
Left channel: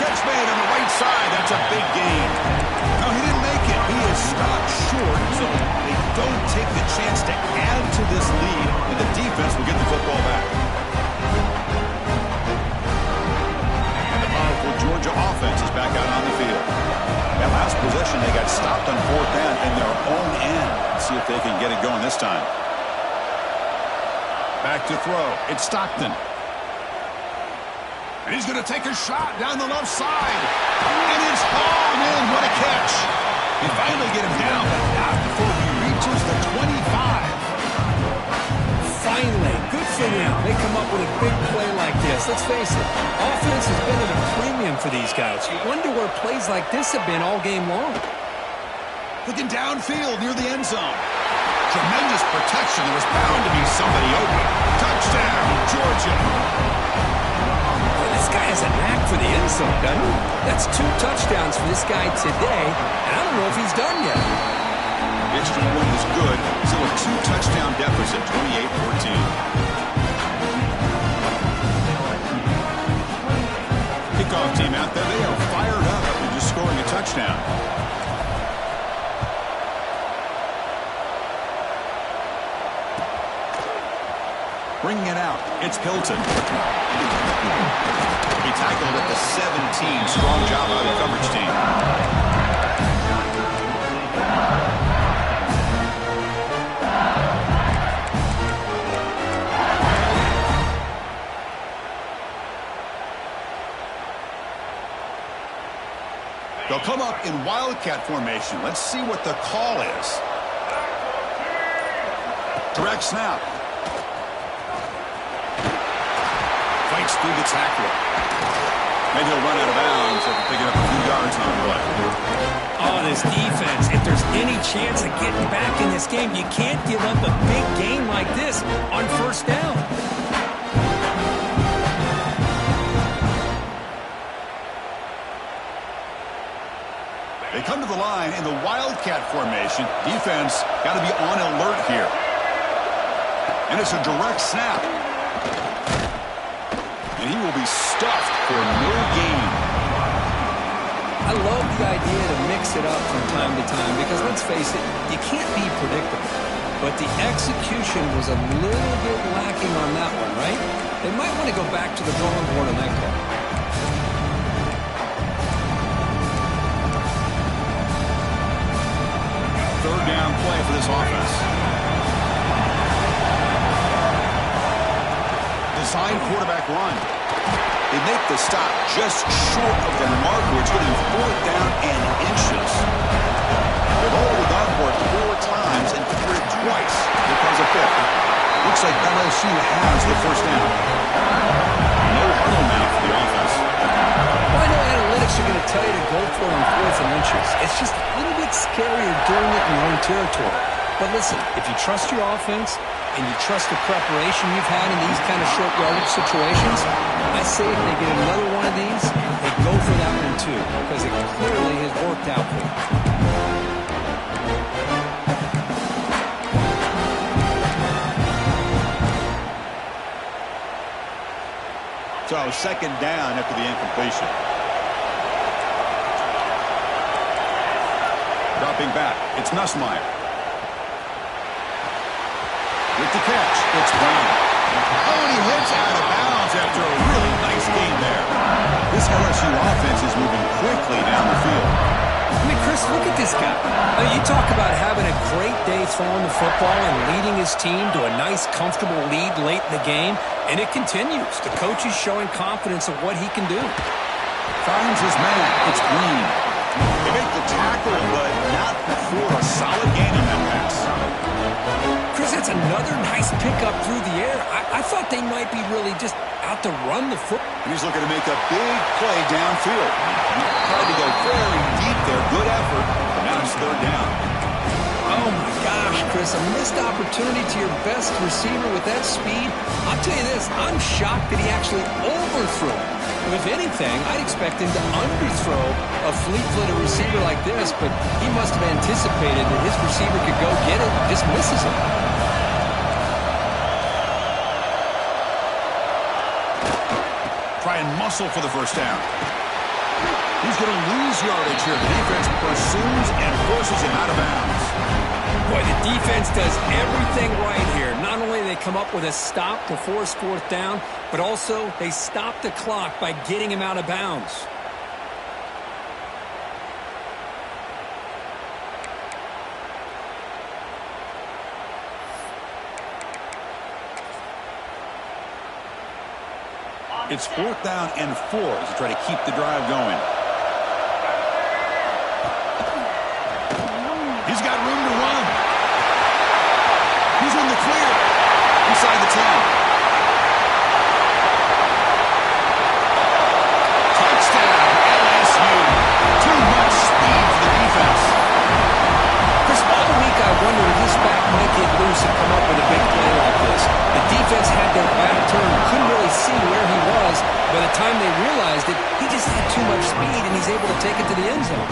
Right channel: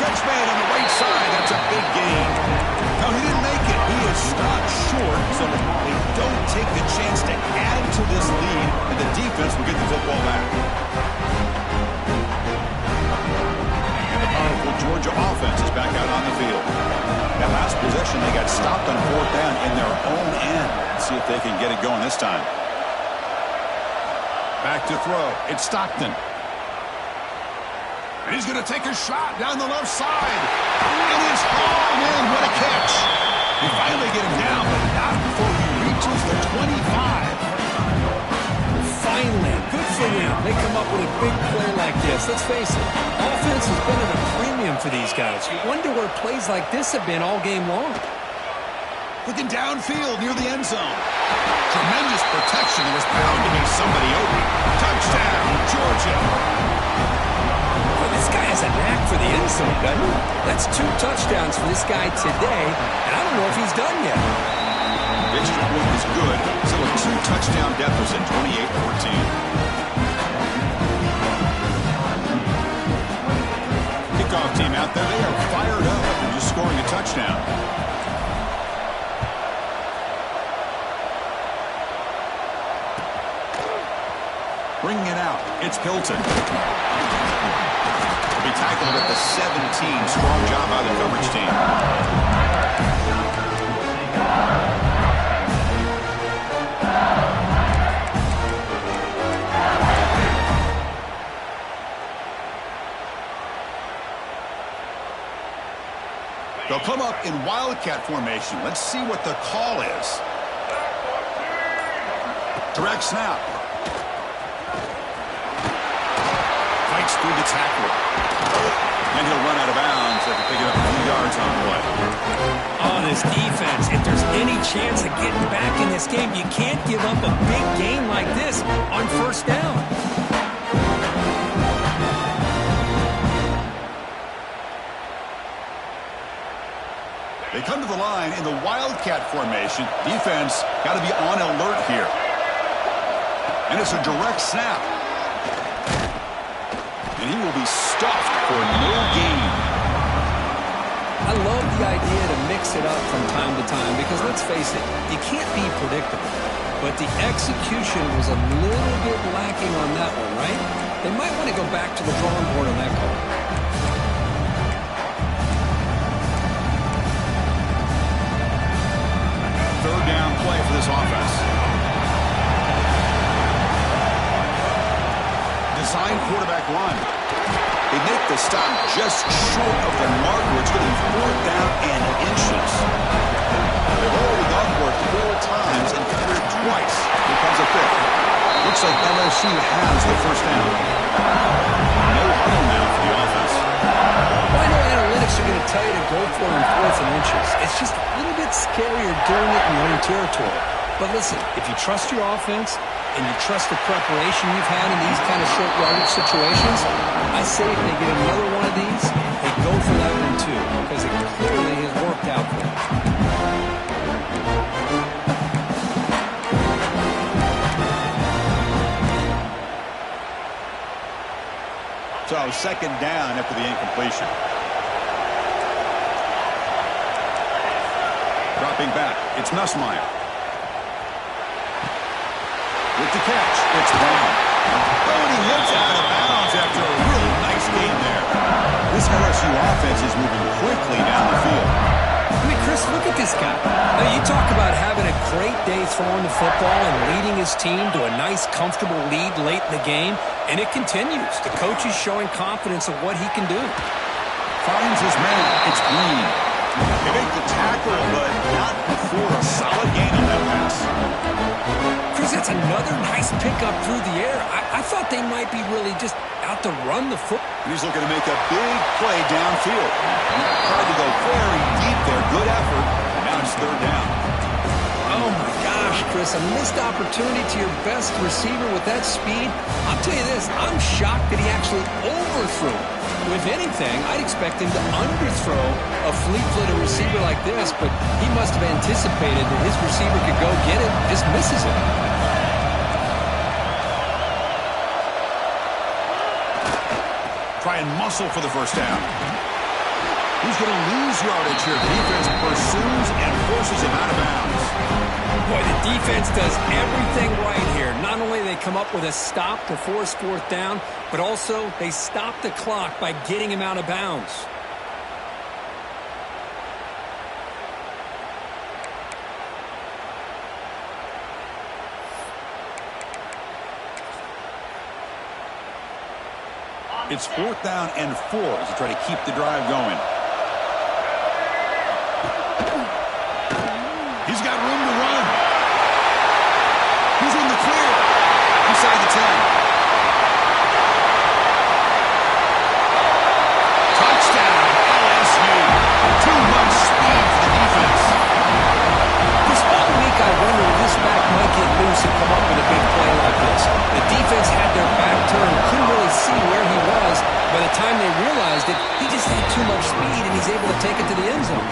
Catch made on the right side. That's a big gain. No, he didn't make it. He is stopped short, so they don't take the chance to add to this lead, and the defense will get the football back. And the powerful Georgia offense is back out on the field. That last possession, they got stopped on fourth down in their own end. Let's see if they can get it going this time. Back to throw. It's Stockton. And he's going to take a shot down the left side. And it's hauled in. What a catch. They finally get him down, but not before he reaches the 25. Finally, good for them. They come up with a big play like this. Let's face it, offense has been at a premium for these guys. You wonder where plays like this have been all game long. Looking downfield near the end zone. Tremendous protection. There was bound to be somebody open. Touchdown, Georgia. Well, this guy has a knack for the end zone, doesn't he? That's 2 touchdowns for this guy today, and I don't know if he's done yet. The extra point is good. Still a 2-touchdown deficit, 28-14. Kickoff team out there. They are fired up after just scoring a touchdown. Bringing it out. It's Hilton. He tackled at the 17. Strong job by the coverage team. They'll come up in Wildcat formation. Let's see what the call is. Direct snap. Fights through the tackler. Then he'll run out of bounds after picking up a few yards on the play. Oh, this defense. If there's any chance of getting back in this game, you can't give up a big game like this on first down. They come to the line in the Wildcat formation. Defense got to be on alert here. And it's a direct snap. And he will be stuffed for no gain. I love the idea to mix it up from time to time because, let's face it, you can't be predictable. But the execution was a little bit lacking on that one, right? They might want to go back to the drawing board on that call. Third down play for this offense. Design quarterback run. They make the stop just short of the mark where it's getting fourth down and inches. They've already gone for it 4 times and cleared twice. Here comes a 5th. Looks like LSU has the first down. No huddle now for the offense. Well, I know analytics are going to tell you to go for it on 4th and inches. It's just a little bit scarier doing it in your own territory. But listen, if you trust your offense and you trust the preparation you've had in these kind of short yardage situations, I say if they get another one of these, they go for that one too, because it clearly has worked out for them. So second down after the incompletion. Dropping back, it's Nussmeier. With the catch, it's Brown. Oh, and he hits out of bounds after a really nice game there. This LSU offense is moving quickly down the field. I mean, Chris, look at this guy. I mean, you talk about having a great day throwing the football and leading his team to a nice, comfortable lead late in the game, and it continues. The coach is showing confidence of what he can do. finds his man. It's Green. They make the tackle, but not before a solid gain on that pass. Chris, that's another nice pickup through the air. I thought they might be really just out to run the football. And he's looking to make a big play downfield. Tried to go very deep there. Good effort, but now it's third down. Oh, my gosh, Chris, a missed opportunity to your best receiver with that speed. I'll tell you this, I'm shocked that he actually overthrew. If anything, I'd expect him to underthrow a fleet-footed receiver like this, but he must have anticipated that his receiver could go get it, just misses it. Try and muscle for the first down. He's going to lose yardage here. The defense pursues and forces him out of bounds. Boy, the defense does everything right here. Not only do they come up with a stop to force fourth down, but also they stop the clock by getting him out of bounds. It's 4th down and 4 as they try to keep the drive going. He's got room to run. He's in the clear. Inside the 10. Touchdown, LSU. Too much speed for the defense. Chris, all week I wondered if this back might get loose and come up with a big play like this. The defense had their back turned, couldn't really see where he was. By the time they realized it, he just had too much speed, and he's able to take it to the end zone.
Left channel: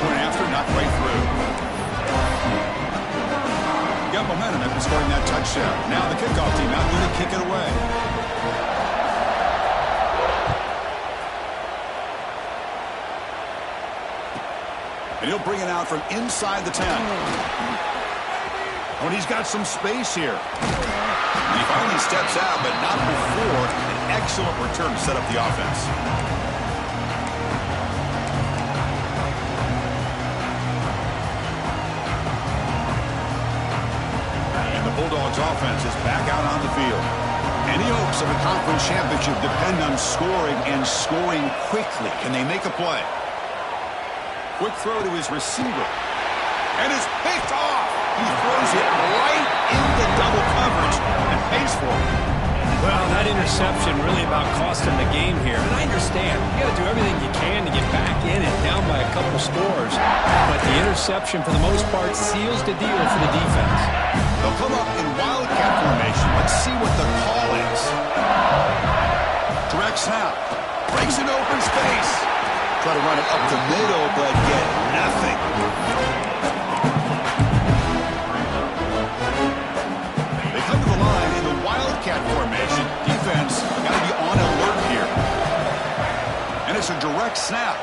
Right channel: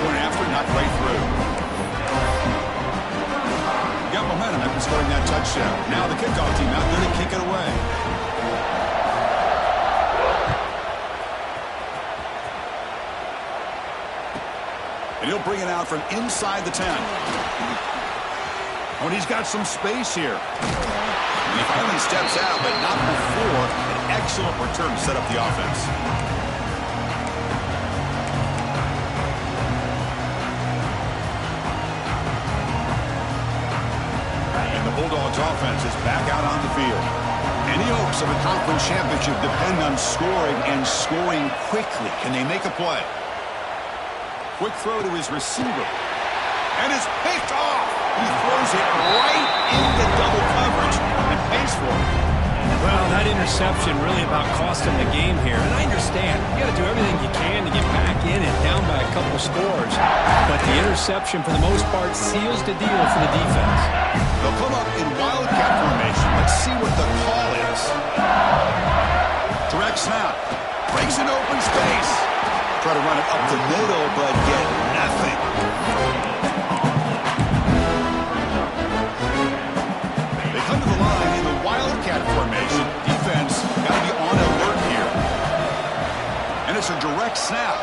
Point after, not right through. Got momentum after scoring that touchdown. Now the kickoff team out there to kick it away. And he'll bring it out from inside the 10. Oh, and he's got some space here. And he finally steps out, but not before an excellent return to set up the offense. And the Bulldogs offense is back out on the field. Any hopes of a conference championship depend on scoring and scoring quickly. Can they make a play? Quick throw to his receiver. And it's picked off. He throws it right into double coverage and pays for it. Well, that interception really about cost him the game here. And I understand. You got to do everything you can to get back in and down by a couple scores. But the interception, for the most part, seals the deal for the defense. They'll come up in wildcat formation. Let's see what the call is. Direct snap. Breaks an open space. Try to run it up the middle, but get nothing. They come to the line in the wildcat formation. Defense got to be on alert here. And it's a direct snap.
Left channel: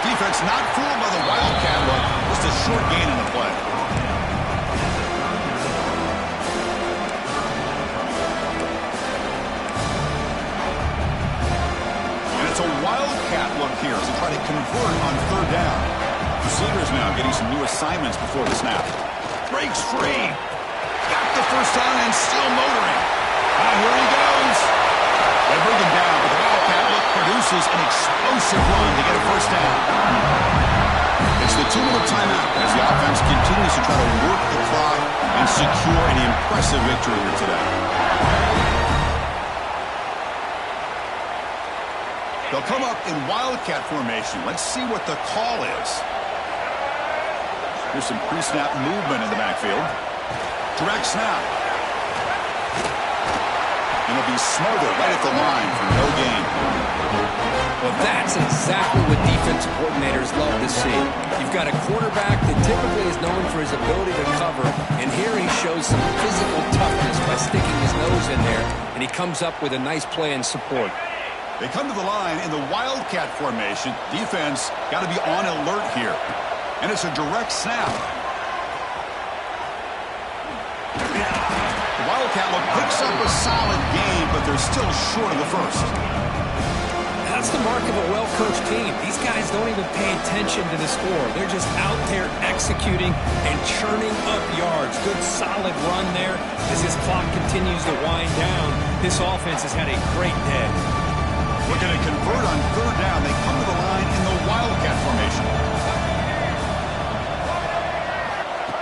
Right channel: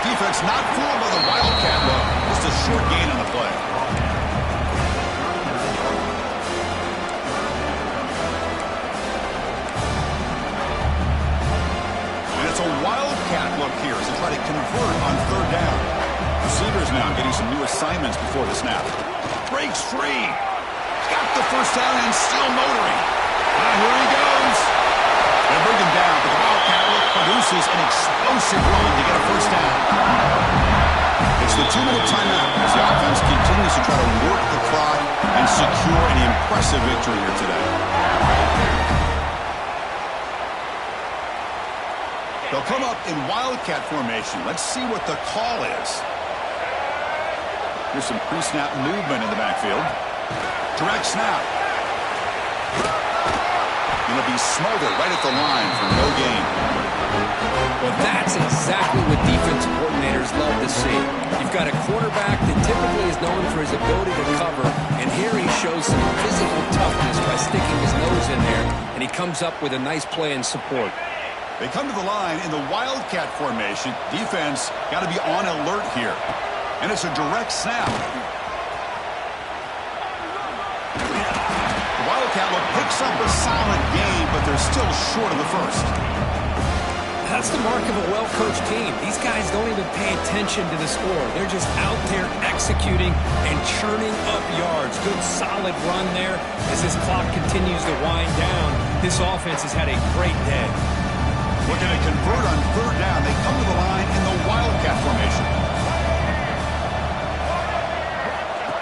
Defense not fooled by the wildcat look. Just a short gain on the play. It's a wildcat look here as they try to convert on third down. Receivers now getting some new assignments before the snap. Breaks free. Got the first down and still motoring. Here he goes. They bring him down, but the wildcat look produces an explosive run to get a first down. It's the 2-minute timeout as the offense continues to try to work the clock and secure an impressive victory here today. They'll come up in wildcat formation. Let's see what the call is. There's some pre-snap movement in the backfield. Direct snap. And it'll be smothered right at the line for no gain. Well, that's exactly what defensive coordinators love to see. You've got a quarterback that typically is known for his ability to cover, and here he shows some physical toughness by sticking his nose in there, and he comes up with a nice play and support. They come to the line in the wildcat formation. Defense got to be on alert here. And it's a direct snap. The wildcat look picks up a solid gain, but they're still short of the first. That's the mark of a well-coached team. These guys don't even pay attention to the score. They're just out there executing and churning up yards. Good, solid run there as this clock continues to wind down. This offense has had a great day. Looking to convert on third down. They come to the line in the Wildcat formation.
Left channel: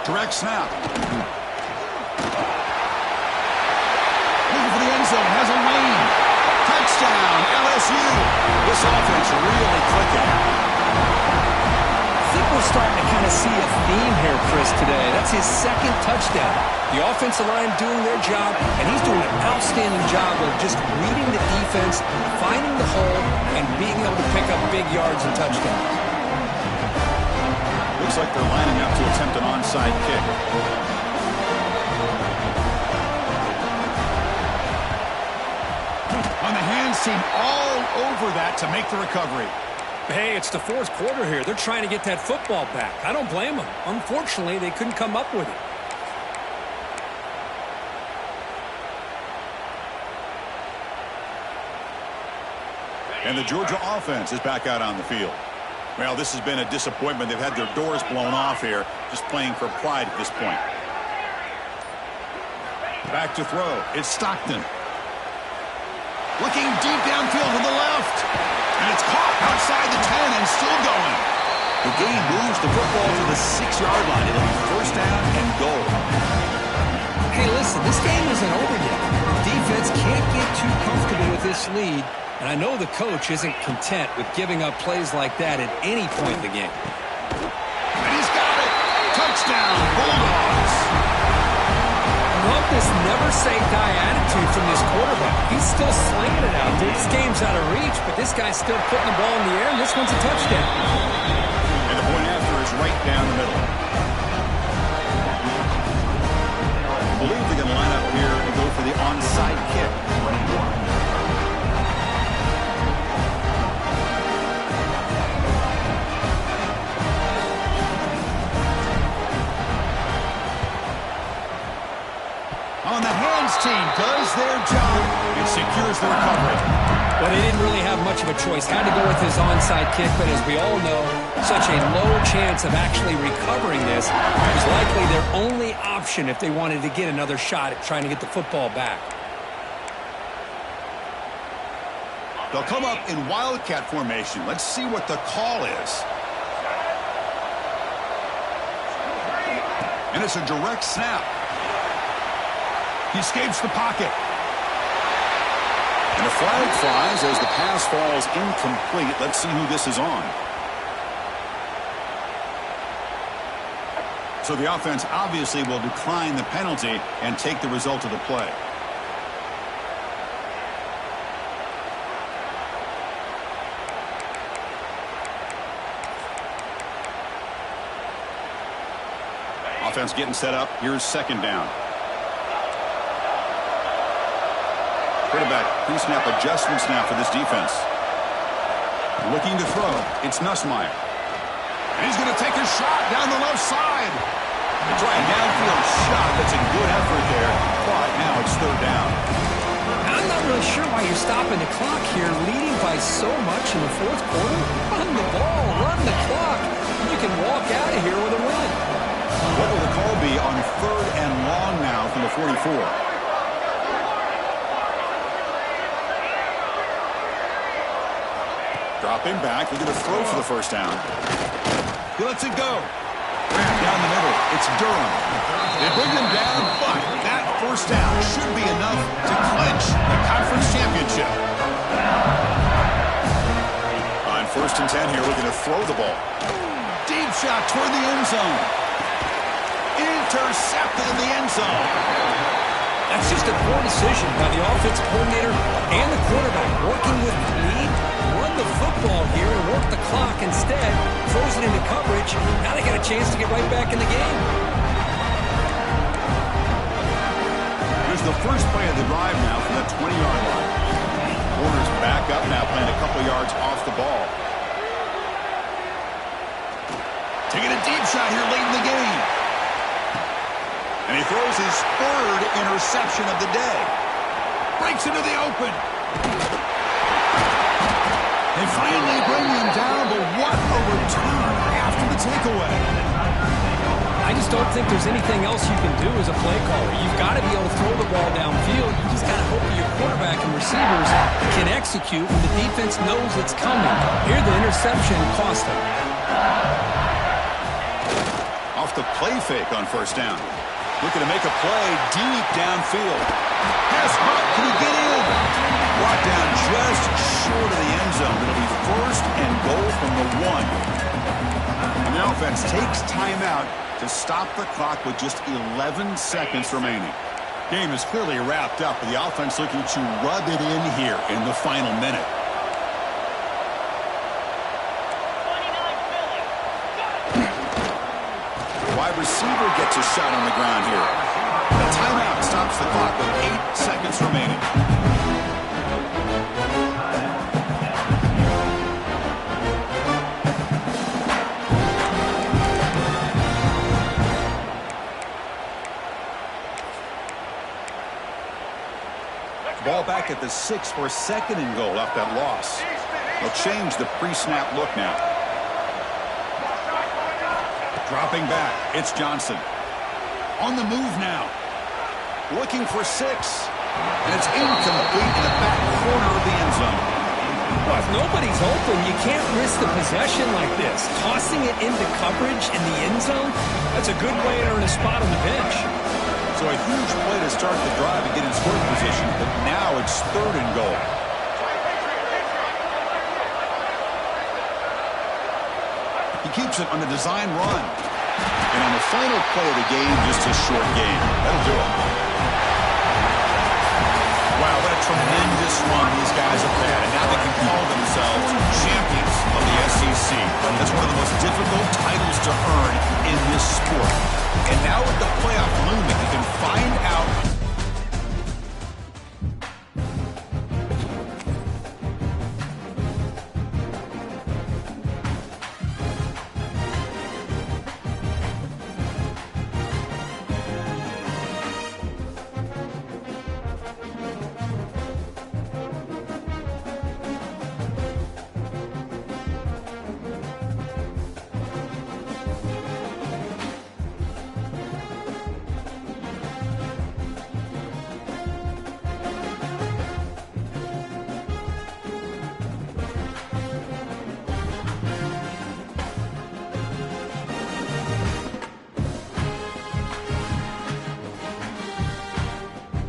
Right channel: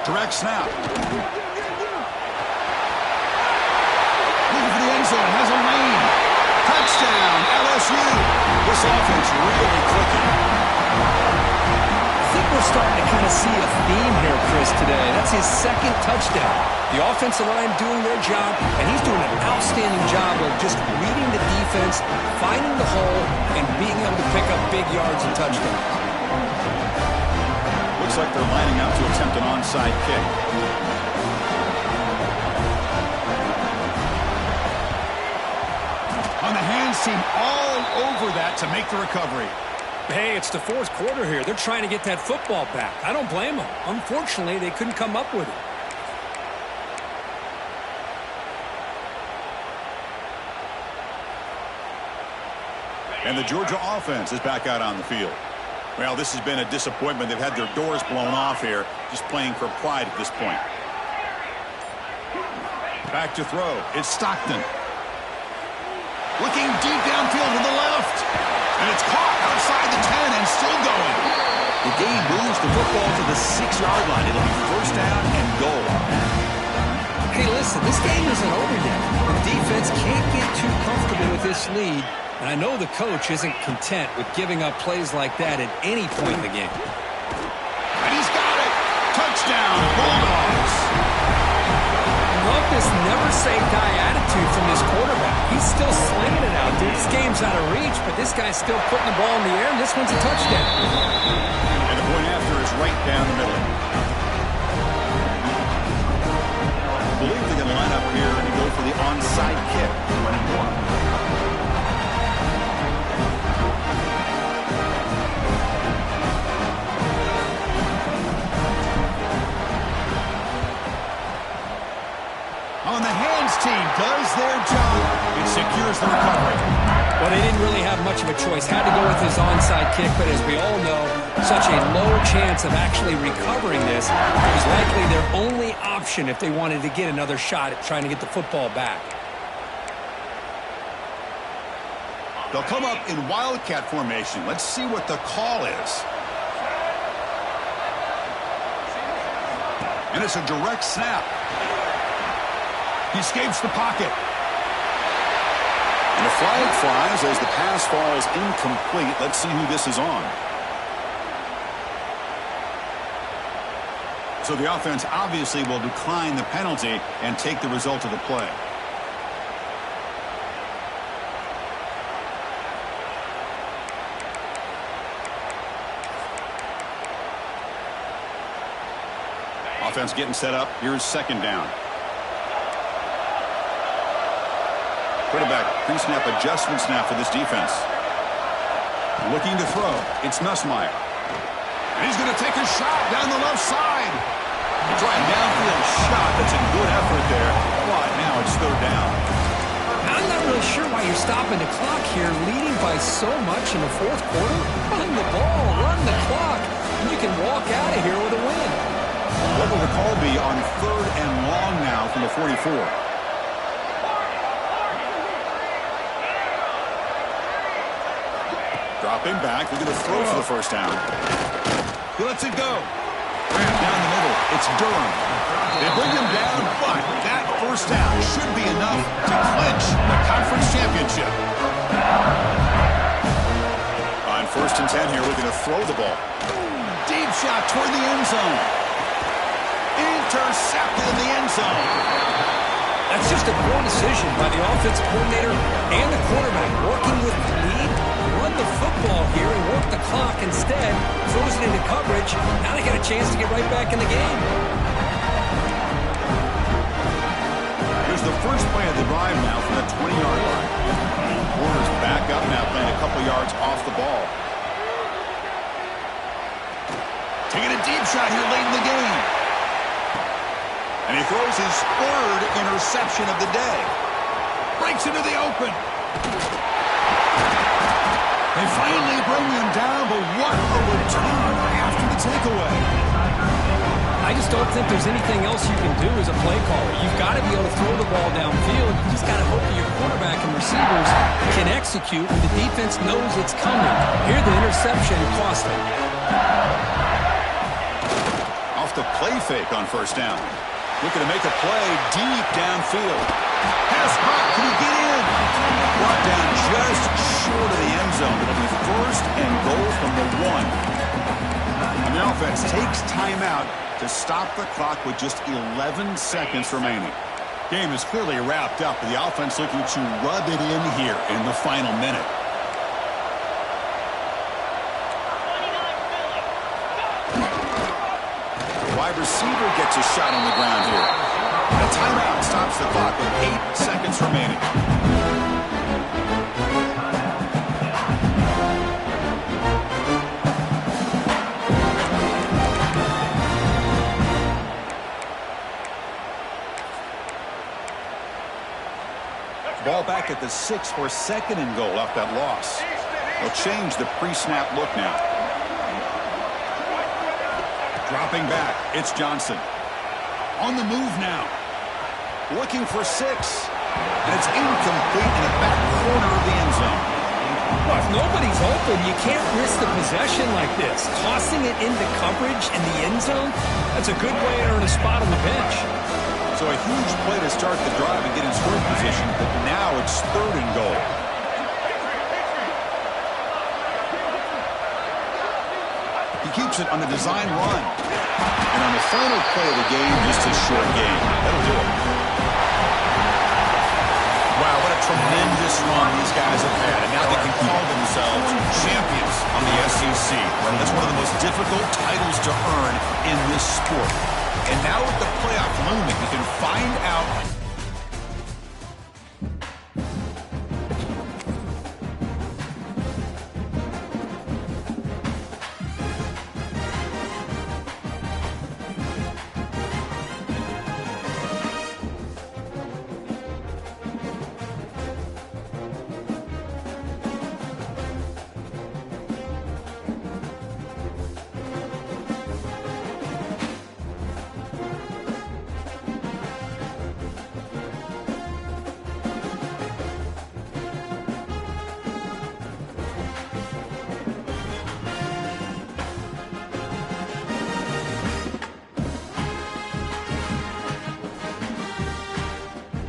Direct snap. Looking for the end zone. Has a lane. Touchdown, LSU. This offense really clicking. I think we're starting to kind of see a theme here, Chris, today. That's his second touchdown. The offensive line doing their job, and he's doing an outstanding job of just reading the defense, finding the hole, and being able to pick up big yards and touchdowns. Looks like they're lining up to attempt an onside kick. On the hands team, all over that to make the recovery. Hey, it's the fourth quarter here. They're trying to get that football back. I don't blame them. Unfortunately, they couldn't come up with it. And the Georgia offense is back out on the field. Well, this has been a disappointment. They've had their doors blown off here, just playing for pride at this point. Back to throw. It's Stockton. Looking deep downfield to the left. And it's caught outside the 10 and still going. The game moves the football to the 6-yard line. It'll be first down and goal. Hey, listen, this game isn't over yet. The defense can't get too comfortable with this lead. And I know the coach isn't content with giving up plays like that at any point in the game. And he's got it. Touchdown, Bulldogs. Love this never-say-die attitude from this quarterback. He's still slinging it out there. This game's out of reach, but this guy's still putting the ball in the air, and this one's a touchdown. And the point after is right down the middle. I believe they're going to line up here to go for the onside kick. 21. On the hands team does their job. It secures the recovery. Well, they didn't really have much of a choice. Had to go with his onside kick, but as we all know, such a low chance of actually recovering this. It was likely their only option if they wanted to get another shot at trying to get the football back. They'll come up in Wildcat formation. Let's see what the call is. And it's a direct snap. He escapes the pocket. And a flag flies as the pass falls incomplete. Let's see who this is on. So the offense obviously will decline the penalty and take the result of the play. Offense getting set up. Here's second down. Quarterback pre-snap adjustment snap for this defense. Looking to throw. It's Nussmeier. And he's going to take a shot down the left side. They try a downfield shot. That's a good effort there. But now it's third down. I'm not really sure why you're stopping the clock here, leading by so much in the fourth quarter. Run the ball, run the clock, and you can walk out of here with a win. What will the call be on third and long now from the 44? Dropping back, looking to throw for the first down. He lets it go. Down the middle, it's Durham. They bring him down, but that first down should be enough to clinch the conference championship. On 1st and 10 here, looking to throw the ball. Deep shot toward the end zone. Intercepted in the end zone. That's just a poor decision by the offensive coordinator and the quarterback. Working with the lead, run the football here and work the clock instead. Throws it into coverage. Now they got a chance to get right back in the game. Here's the first play of the drive now from the 20-yard line. Warner's back up now, playing a couple yards off the ball. Taking a deep shot here late in the game. And he throws his third interception of the day. Breaks into the open. They finally bring him down, but what a return after the takeaway. I I just don't think there's anything else you can do as a play caller. You've got to be able to throw the ball downfield. You just got to hope that your quarterback and receivers can execute when the defense knows it's coming. Here, the interception cost them. Off the play fake on first down. Looking to make a play deep downfield. Pass caught. Can he get in? Brought down just short of the end zone. It'll be first and goal from the 1. And the offense takes timeout to stop the clock with just 11 seconds remaining. Game is clearly wrapped up, but the offense looking to rub it in here in the final minute. Wide receiver gets a shot on the ground here. The timeout stops the clock with 8 seconds remaining. Ball back at the 6 for second and goal off that loss. They'll change the pre-snap look now. Dropping back, it's Johnson. On the move now. Looking for 6. And it's incomplete in the back corner of the end zone. Well, if nobody's open, you can't risk the possession like this. Tossing it into coverage in the end zone, that's a good way to earn a spot on the bench. So a huge play to start the drive and get in scoring position, but now it's third and goal. He keeps it on the design run. And on the final play of the game, just a short game. That'll do it. Wow, what a tremendous run these guys have had. And now they can call themselves champions of the SEC. That's one of the most difficult titles to earn in this sport. And now with the playoff looming, you can find out